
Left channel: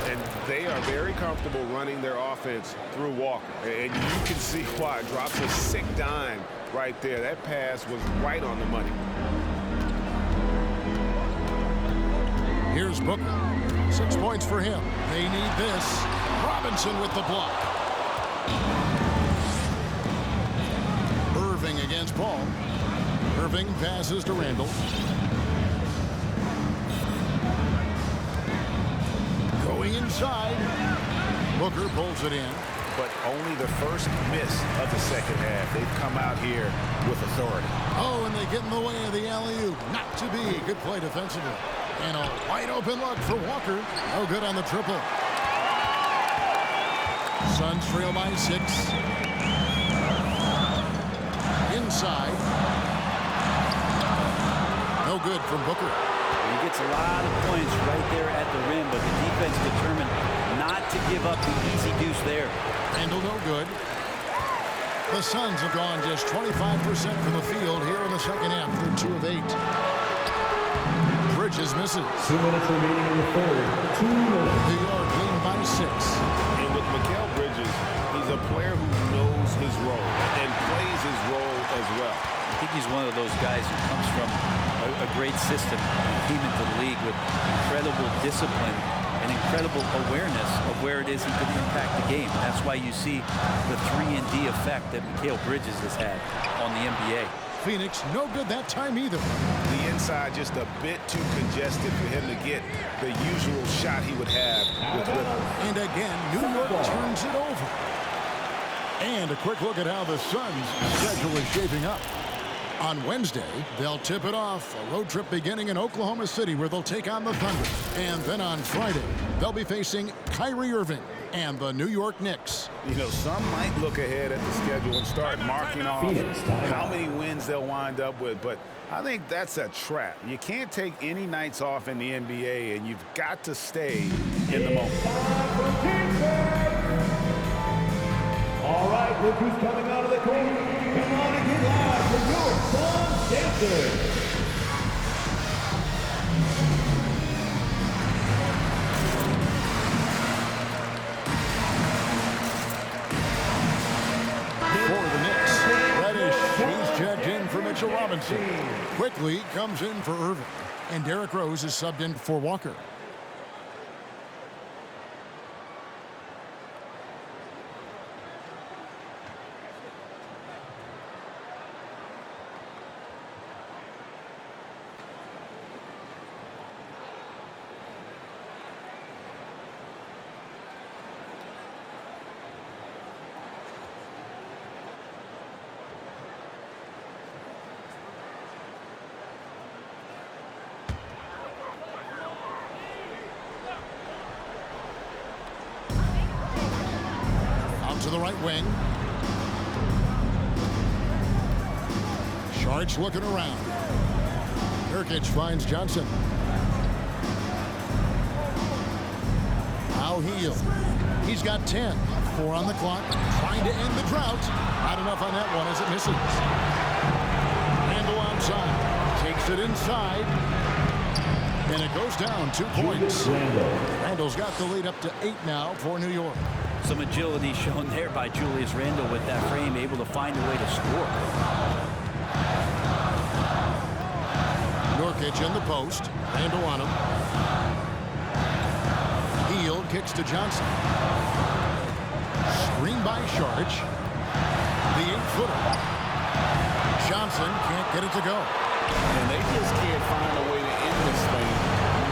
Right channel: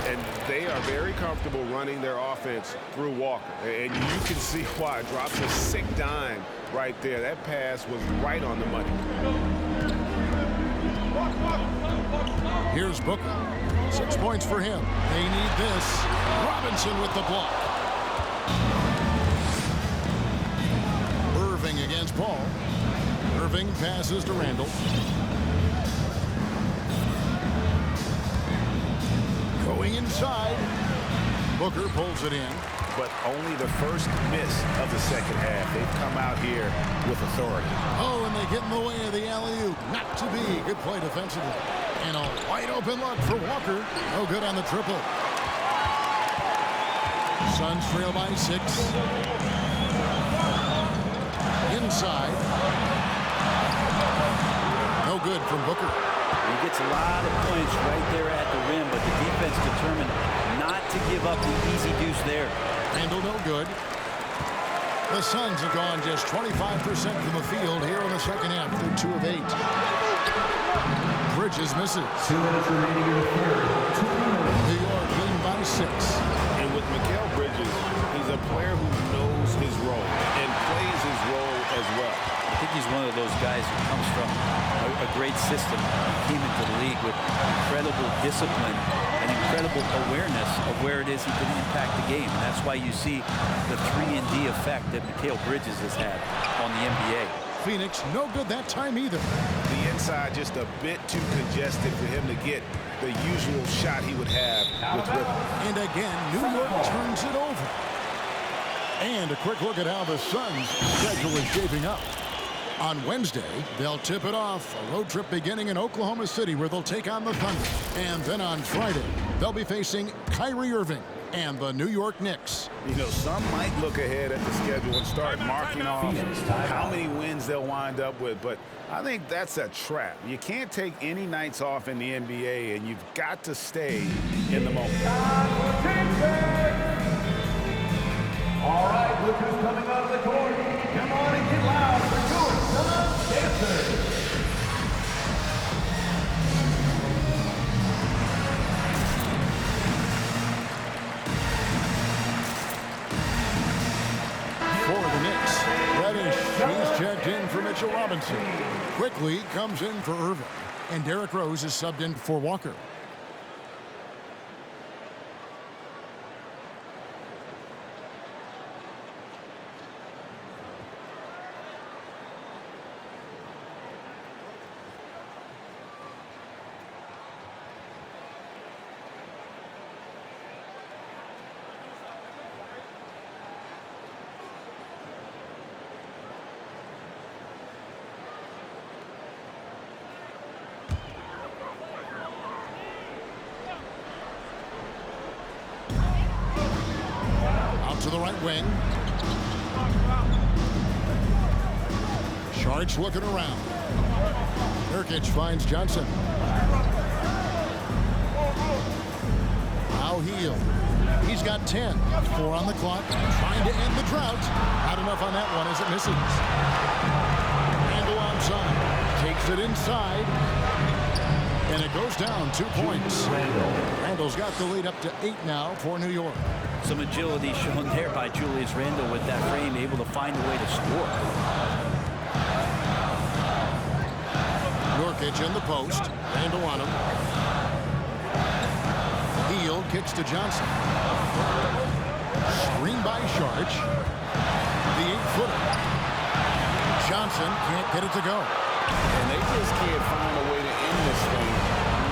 And they are very comfortable running their offense through Walker. And you can see why. Drops a sick dime right there. That pass was right on the money. Here's Booker. 6 points for him. They need this. Robinson with the block. Irving against Paul. Irving passes to Randall. Going inside. Booker pulls it in. But only the first miss of the second half. They've come out here with authority. Oh, and they get in the way of the alley-oop. Not to be. Good play defensively. And a wide open look for Walker. No good on the triple. Suns trail by 6. Inside. No good from Booker. He gets a lot of points right there at the rim, but the defense determined not to give up the easy deuce there. Randall no good. The Suns have gone just 25% from the field here in the second half. They're 2 of 8. Bridges misses. 2 minutes remaining in the third. 2 minutes. New York leading by 6. And with Mikal Bridges, he's a player who knows his role and plays his role as well. I think he's one of those guys who comes from a great system. He came into the league with incredible discipline and incredible awareness of where it is he can impact the game. And that's why you see the 3-and-D effect that Mikal Bridges has had on the NBA. Phoenix no good that time either. The inside just a bit too congested for him to get the usual shot he would have with rhythm. And again, New York turns it over. And a quick look at how the Suns' schedule is shaping up. On Wednesday, they'll tip it off. A road trip beginning in Oklahoma City where they'll take on the Thunder. And then on Friday, they'll be facing Kyrie Irving and the New York Knicks. You know, some might look ahead at the schedule and start marking off how many wins they'll wind up with, but I think that's a trap. You can't take any nights off in the NBA, and you've got to stay in the moment. All right, look who's coming onto the court. Come on and get loud for your Suns dancers. For the Knicks, Reddish, he's checked in for Mitchell Robinson. Quickly comes in for Irving, and Derrick Rose is subbed in for Walker. To the right wing. Sharge looking around. Nurkic finds Johnson. Now Hield. He's got 10. 4 on the clock. Trying to end the drought. Not enough on that one as it misses. Randall outside. Takes it inside. And it goes down 2 points. Randall's got the lead up to 8 now for New York. Some agility shown there by Julius Randle with that frame, able to find a way to score. Nurkic in the post. Randle on him. Hield kicks to Johnson. Screen by Sharge. The 8-footer. Johnson can't get it to go. And they just can't find a way to end this thing.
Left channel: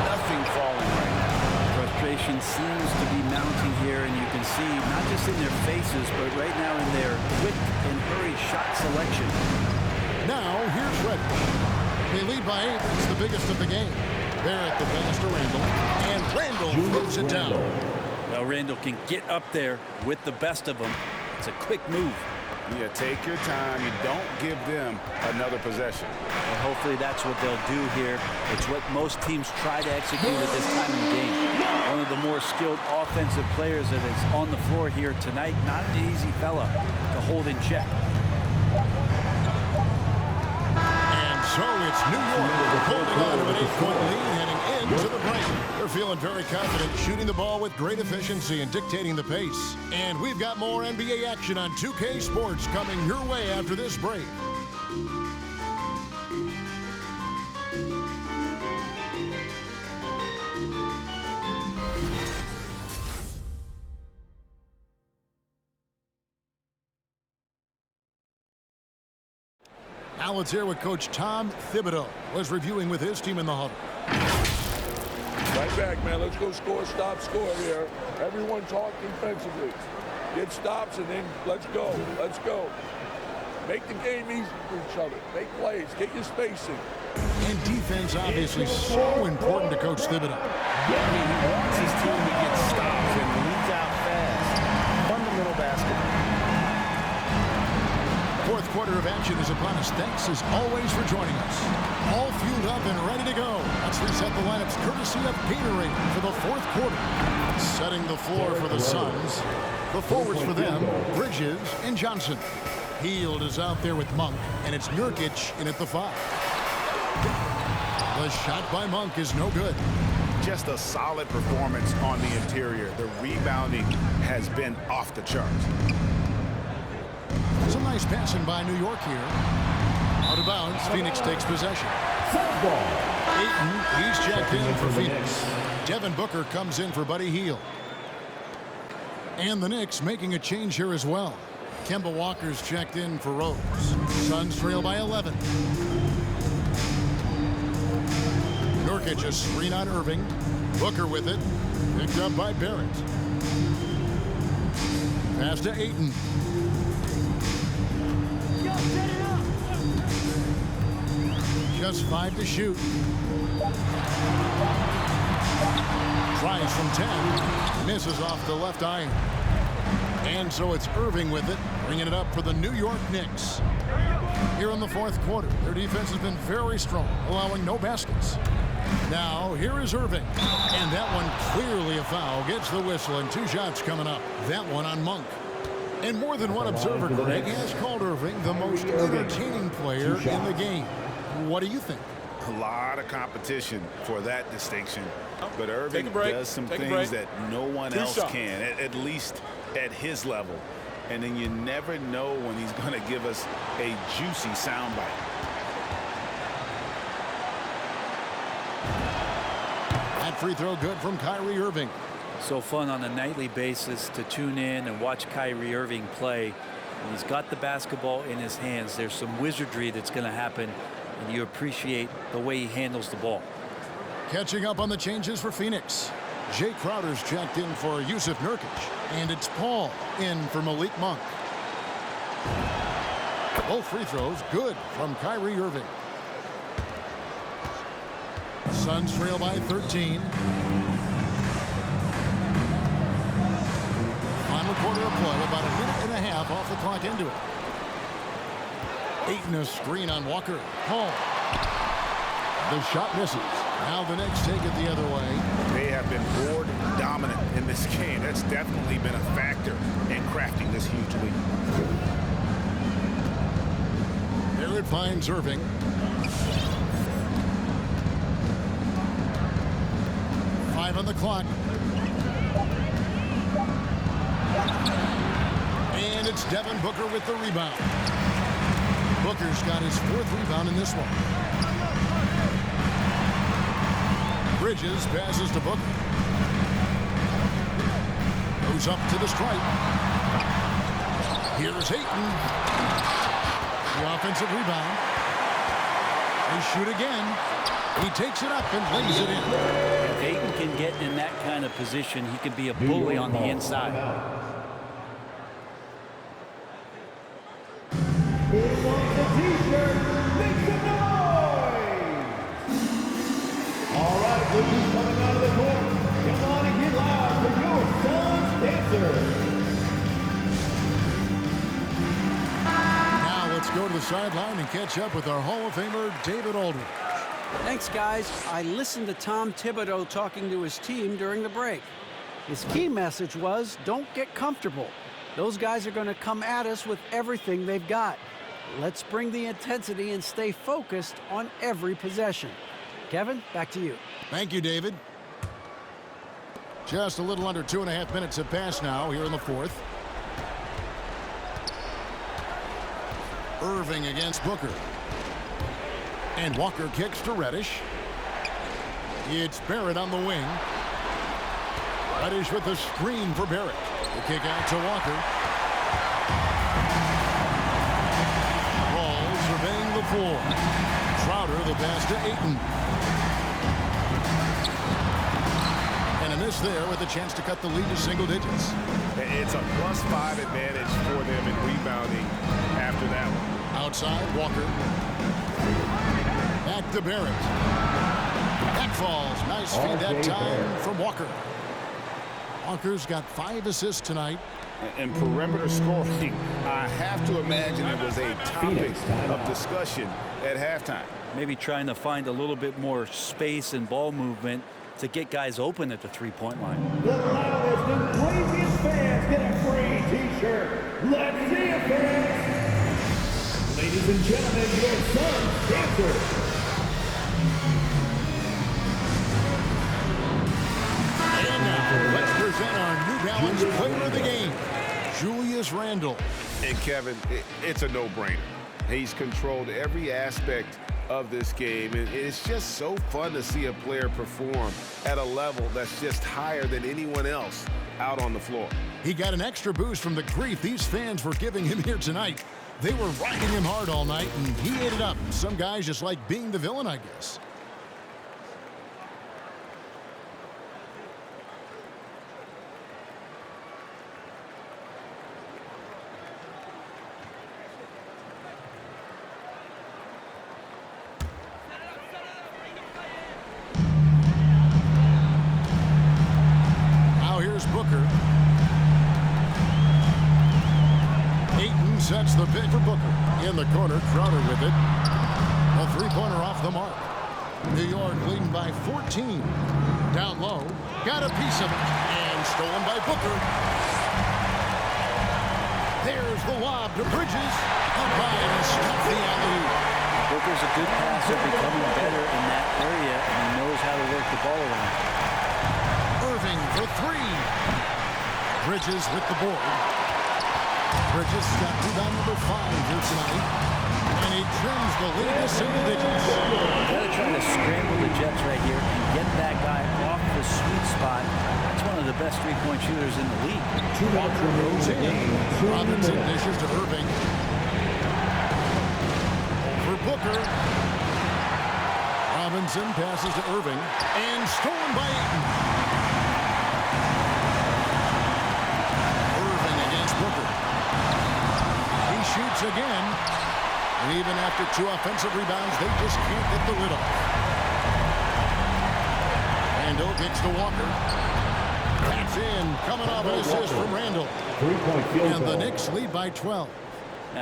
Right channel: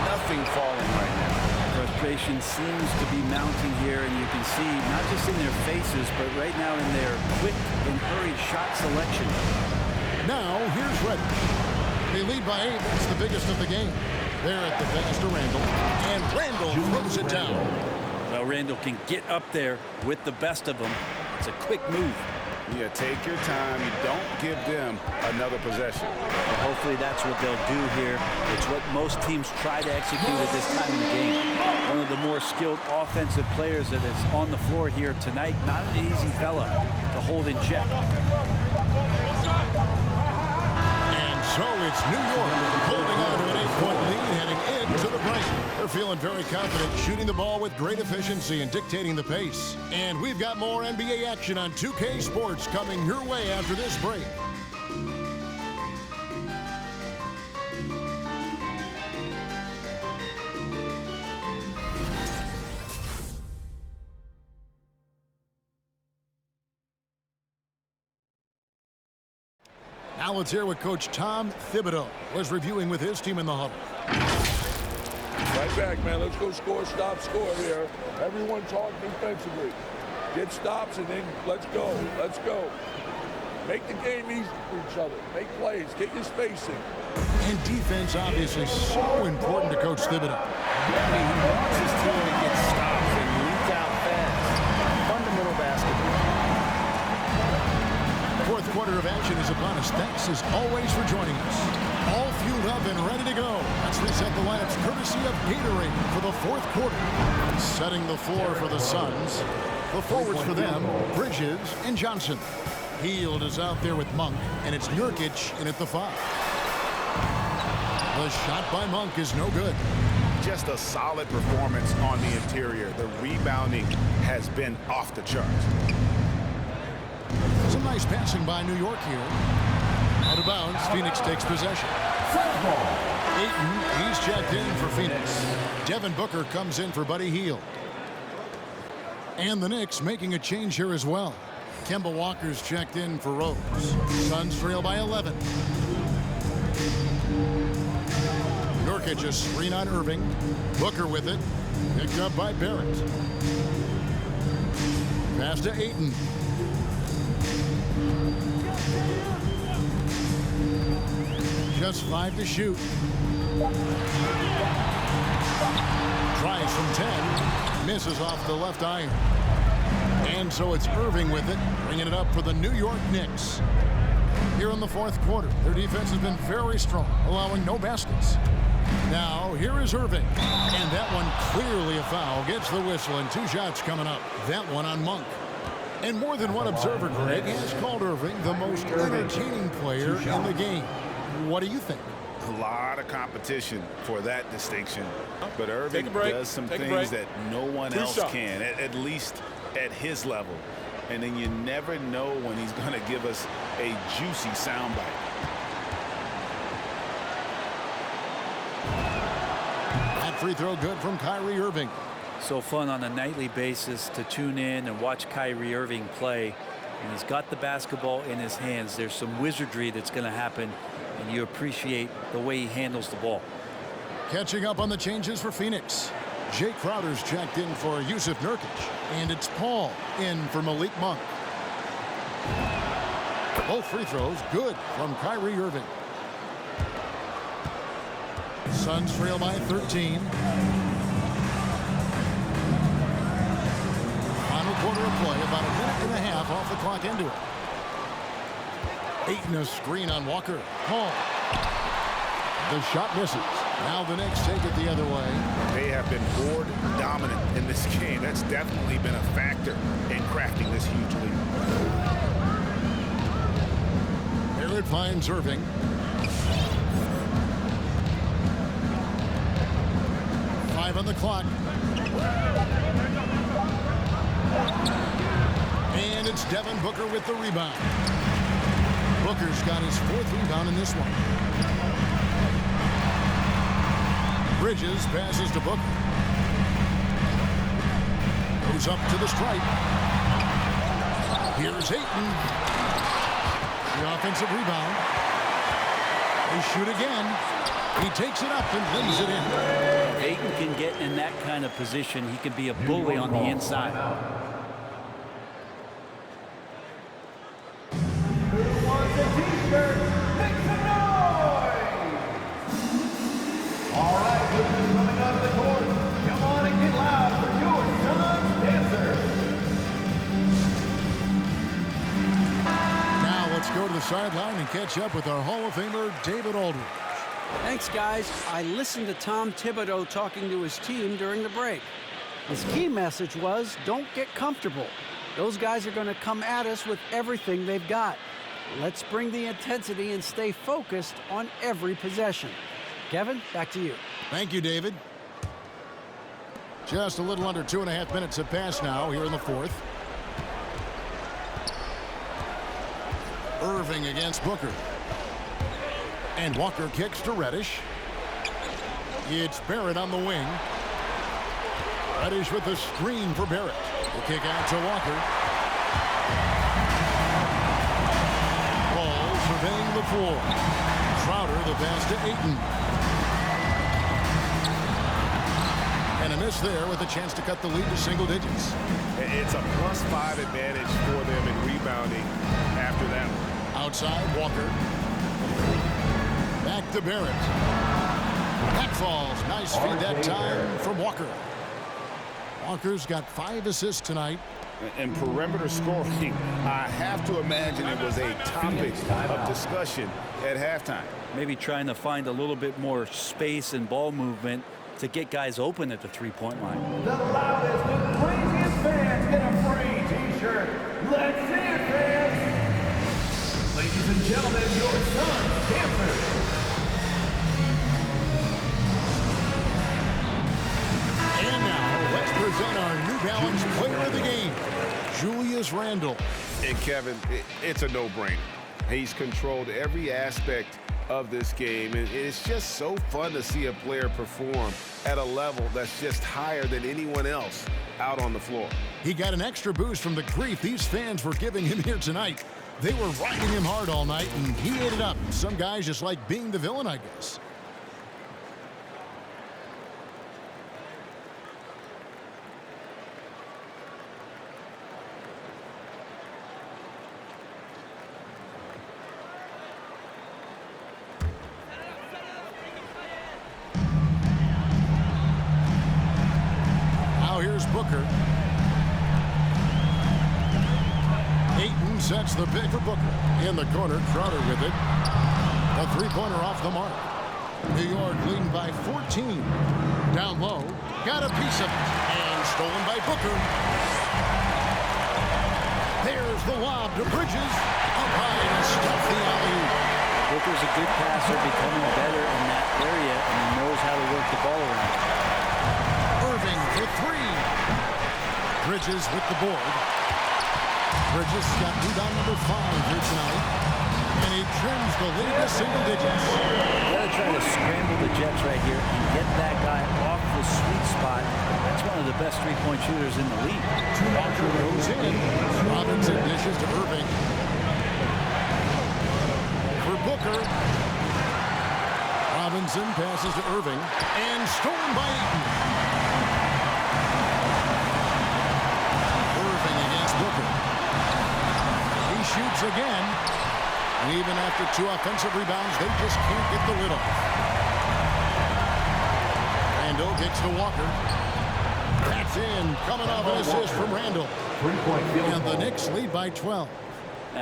Nothing falling right now. Frustration seems to be mounting here, and you can see not just in their faces, but right now in their quick and hurried shot selection. Now here's Reddish. They lead by 8. That's the biggest of the game. They're at the pass to Randall, and Randall throws it down. Well, Randall can get up there with the best of them. It's a quick move. Yeah, take your time. You don't give them another possession. And hopefully that's what they'll do here. It's what most teams try to execute at this time in the game. one of the more skilled offensive players that is on the floor here tonight. Not an easy fella to hold in check. And so it's New York holding on to an 8-point lead heading into the break. They're feeling very confident, shooting the ball with great efficiency and dictating the pace. And we've got more NBA action on 2K Sports coming your way after this break. Now let's hear what Coach Tom Thibodeau was reviewing with his team in the huddle. Right back, man. Let's go score, stop, score here. Everyone talk defensively. Get stops and then let's go. Let's go. Make the game easy for each other. Make plays. Get your spacing. And defense obviously so important to Coach Thibodeau. I mean, he wants his team to get stops and leak out fast. Fundamental basketball. Fourth quarter of action is upon us. Thanks as always for joining us. All fueled up and ready to go. Let's reset the lineups courtesy of Gatorade for the fourth quarter. Setting the floor for the Suns. The forwards for them, Bridges and Johnson. Hield is out there with Monk, and it's Nurkic in at the 5. The shot by Monk is no good. Just a solid performance on the interior. The rebounding has been off the charts. Some nice passing by New York here. Out of bounds, Phoenix takes possession. Ayton, he's checked in for Phoenix. Devin Booker comes in for Buddy Hield. And the Knicks making a change here as well. Kemba Walker's checked in for Rose. Suns trail by 11. Nurkic a screen on Irving. Booker with it. Picked up by Barrett. Pass to Ayton. Just 5 to shoot. Tries from 10. Misses off the left iron. And so it's Irving with it, bringing it up for the New York Knicks. Here in the fourth quarter, their defense has been very strong, allowing no baskets. Now, here is Irving. And that one clearly a foul. Gets the whistle, and 2 shots coming up. That one on Monk. And more than one observer, Greg, has called Irving the most entertaining player in the game. What do you think? A lot of competition for that distinction. But Irving does some Take things that no one else can, at least at his level. And then you never know when he's going to give us a juicy soundbite. That free throw good from Kyrie Irving. So fun on a nightly basis to tune in and watch Kyrie Irving play. And he's got the basketball in his hands. There's some wizardry that's going to happen, and you appreciate the way he handles the ball. Catching up on the changes for Phoenix. Jay Crowder's checked in for Yusuf Nurkic. And it's Paul in for Malik Monk. Both free throws good from Kyrie Irving. Suns trail by 13. Final quarter of play, about a minute and a half off the clock into it. Ayton a screen on Walker. Paul. The shot misses. Now the Knicks take it the other way. They have been board dominant in this game. That's definitely been a factor in crafting this huge lead. Barrett finds Irving. Five on the clock. And it's Devin Booker with the rebound. Booker's got his 4th rebound in this one. Bridges passes to Booker. Goes up to the stripe. Here's Ayton. The offensive rebound. They shoot again. He takes it up and lays it in. If Ayton can get in that kind of position, he can be a bully on the inside. Who wants a t-shirt? Make some noise! All right, who's coming out of the court? Come on and get loud for your Suns dancers. Now let's go to the sideline and catch up with our Hall of Famer, David Aldridge. Thanks, guys. I listened to Tom Thibodeau talking to his team during the break. His key message was, don't get comfortable. Those guys are going to come at us with everything they've got. Let's bring the intensity and stay focused on every possession. Kevin, back to you. Thank you, David. Just a little under 2.5 minutes have passed now here in the fourth. Irving against Booker. And Walker kicks to Reddish. It's Barrett on the wing. Reddish with the screen for Barrett. The kick out to Walker. Ball surveying the floor. Crowder the pass to Ayton. And a miss there with a chance to cut the lead to single digits. It's a +5 advantage for them in rebounding after that one. Outside, Walker. Back to Barrett. That falls. Nice feed that time from Walker. Walker's got 5 assists tonight. And perimeter scoring, I have to imagine it was a topic of discussion at halftime. Maybe trying to find a little bit more space and ball movement to get guys open at the three-point line. The loudest and craziest fans get a free T-shirt. Let's see it, fans. Ladies and gentlemen, your son's dancer. And now, let's present our New Balance player of the game, Julius Randle. And Kevin, it's a no-brainer. He's controlled every aspect of this game, and it's just so fun to see a player perform at a level that's just higher than anyone else out on the floor. He got an extra boost from the grief these fans were giving him here tonight. They were riding him hard all night, and he ate it up. Some guys just like being the villain, I guess. Now here's Booker. Ayton sets the pick for Booker. In the corner, Crowder with it. A three-pointer off the mark. New York leading by 14. Down low, got a piece of it, and stolen by Booker. There's the lob to Bridges. Up high to stuff the alley-oop. Booker's a good passer, becoming better in that area, and he knows how to work the ball around. Irving for 3. Bridges with the board. Bridges got rebound number 5 here tonight. And he trims the lead to single digits. You got to try to scramble the Jets right here and get that guy off the sweet spot. That's one of the best three-point shooters in the league. Walker goes in. Robinson dishes to Irving. For Booker. Robinson passes to Irving. And stolen by Ayton. Irving against Booker. He shoots again. And even after 2 offensive rebounds, they just can't get the lid off. Randle kicks to Walker. That's in. Coming off an assist from Randle. Three-point field goal. And the Knicks lead by 12.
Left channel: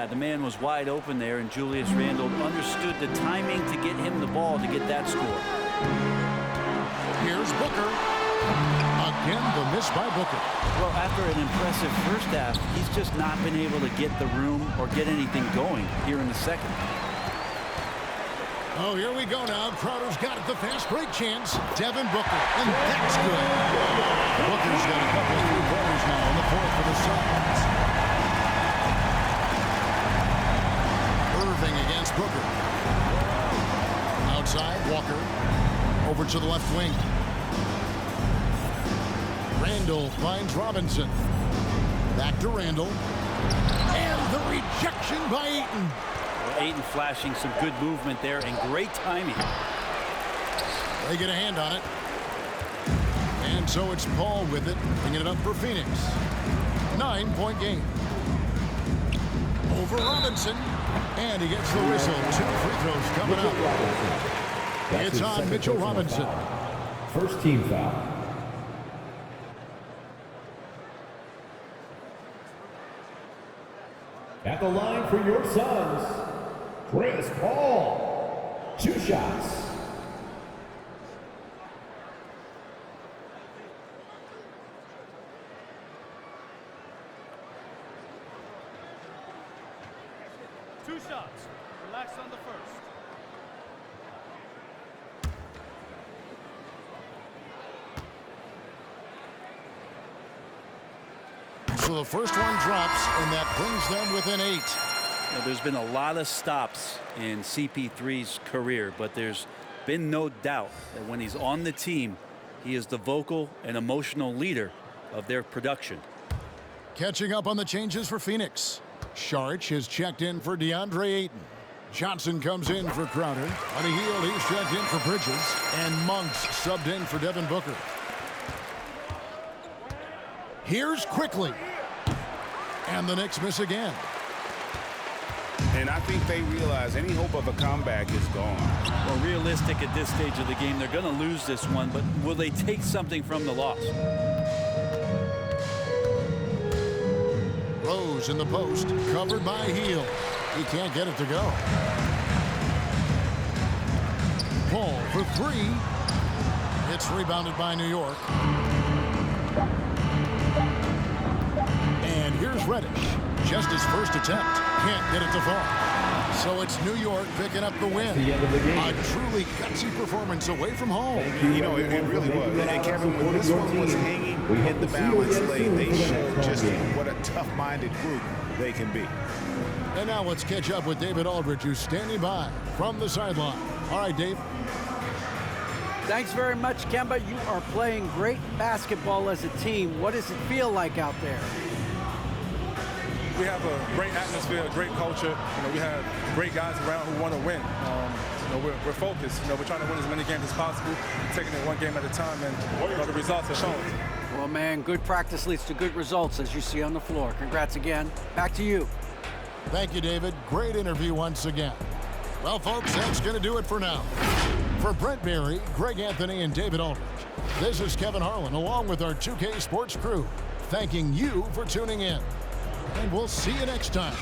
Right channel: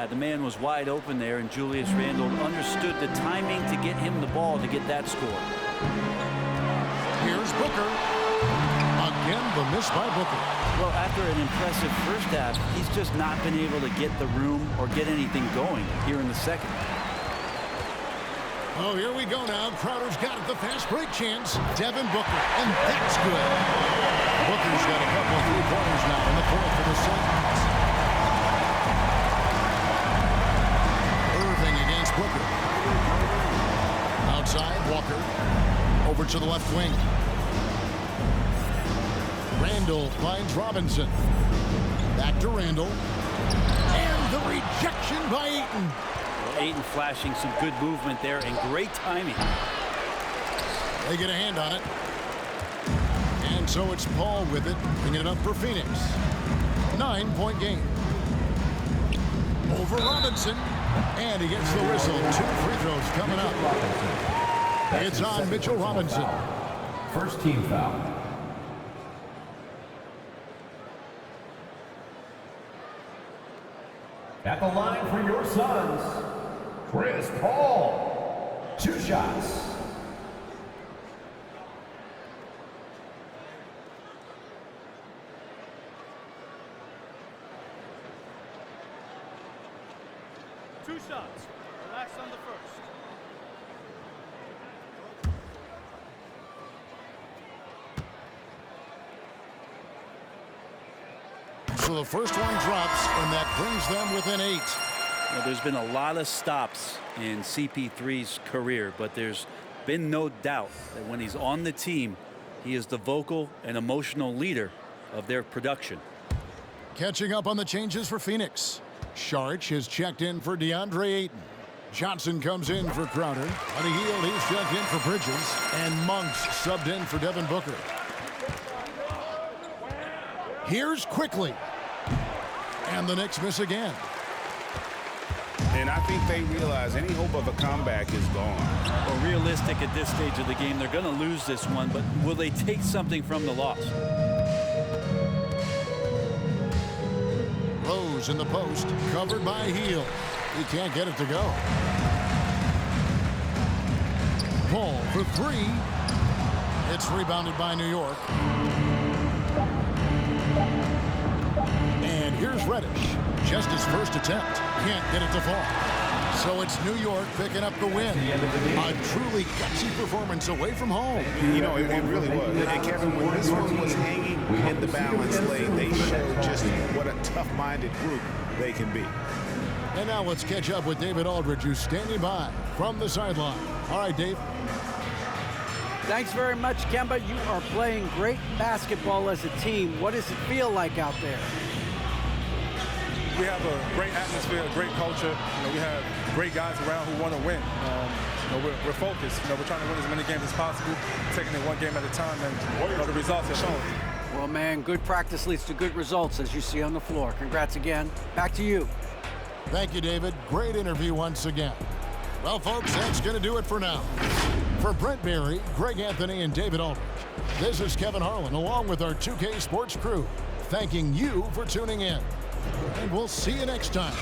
The man was wide open there, and Julius Randle understood the timing to get him the ball to get that score. Here's Booker. Again, the miss by Booker. Well, after an impressive first half, he's just not been able to get the room or get anything going here in the second. Oh, here we go now. Crowder's got it, the fast break chance. Devin Booker, and that's good. Booker's got a couple of three-pointers now in the fourth for the Suns. Irving against Booker. Outside, Walker. Over to the left wing. Randle finds Robinson. Back to Randle. And the rejection by Ayton. Well, Ayton flashing some good movement there and great timing. They get a hand on it. And so it's Paul with it, bringing it up for Phoenix. 9-point game. Over Robinson. And he gets the whistle. 2 free throws coming up. It's on Mitchell Robinson. First team foul. At the line for your Suns, Chris Paul. 2 shots. 2 shots. Relax on the first. So the first one drops, and that brings them within 8. Now, there's been a lot of stops in CP3's career, but there's been no doubt that when he's on the team, he is the vocal and emotional leader of their production. Catching up on the changes for Phoenix. Sharch is checked in for DeAndre Ayton. Johnson comes in for Crowder. On a heel, he's checked in for Bridges. And Monks subbed in for Devin Booker. Here's Quickly. And the Knicks miss again. And I think they realize any hope of a comeback is gone. Well, realistic at this stage of the game, they're going to lose this one, but will they take something from the loss? Rose in the post, covered by Heel. He can't get it to go. Paul for 3. It's rebounded by New York. And here's Reddish. Just his first attempt. Can't get it to fall. So it's New York picking up the win. A truly gutsy performance away from home. You know, it really was. And Kevin, when this one was hanging in the balance lane, they showed just what a tough-minded group they can be. And now let's catch up with David Aldridge, who's standing by from the sideline. All right, Dave. Thanks very much, Kemba. You are playing great basketball as a team. What does it feel like out there? We have a great atmosphere, a great culture. You know, we have great guys around who want to win. You know, we're focused. You know, we're trying to win as many games as possible, taking it one game at a time, and you know, the results have shown. Well, man, good practice leads to good results, as you see on the floor. Congrats again. Back to you. Thank you, David. Great interview once again. Well, folks, that's going to do it for now. For Brent Berry, Greg Anthony, and David Aldridge, this is Kevin Harlan, along with our 2K Sports crew, thanking you for tuning in. And we'll see you next time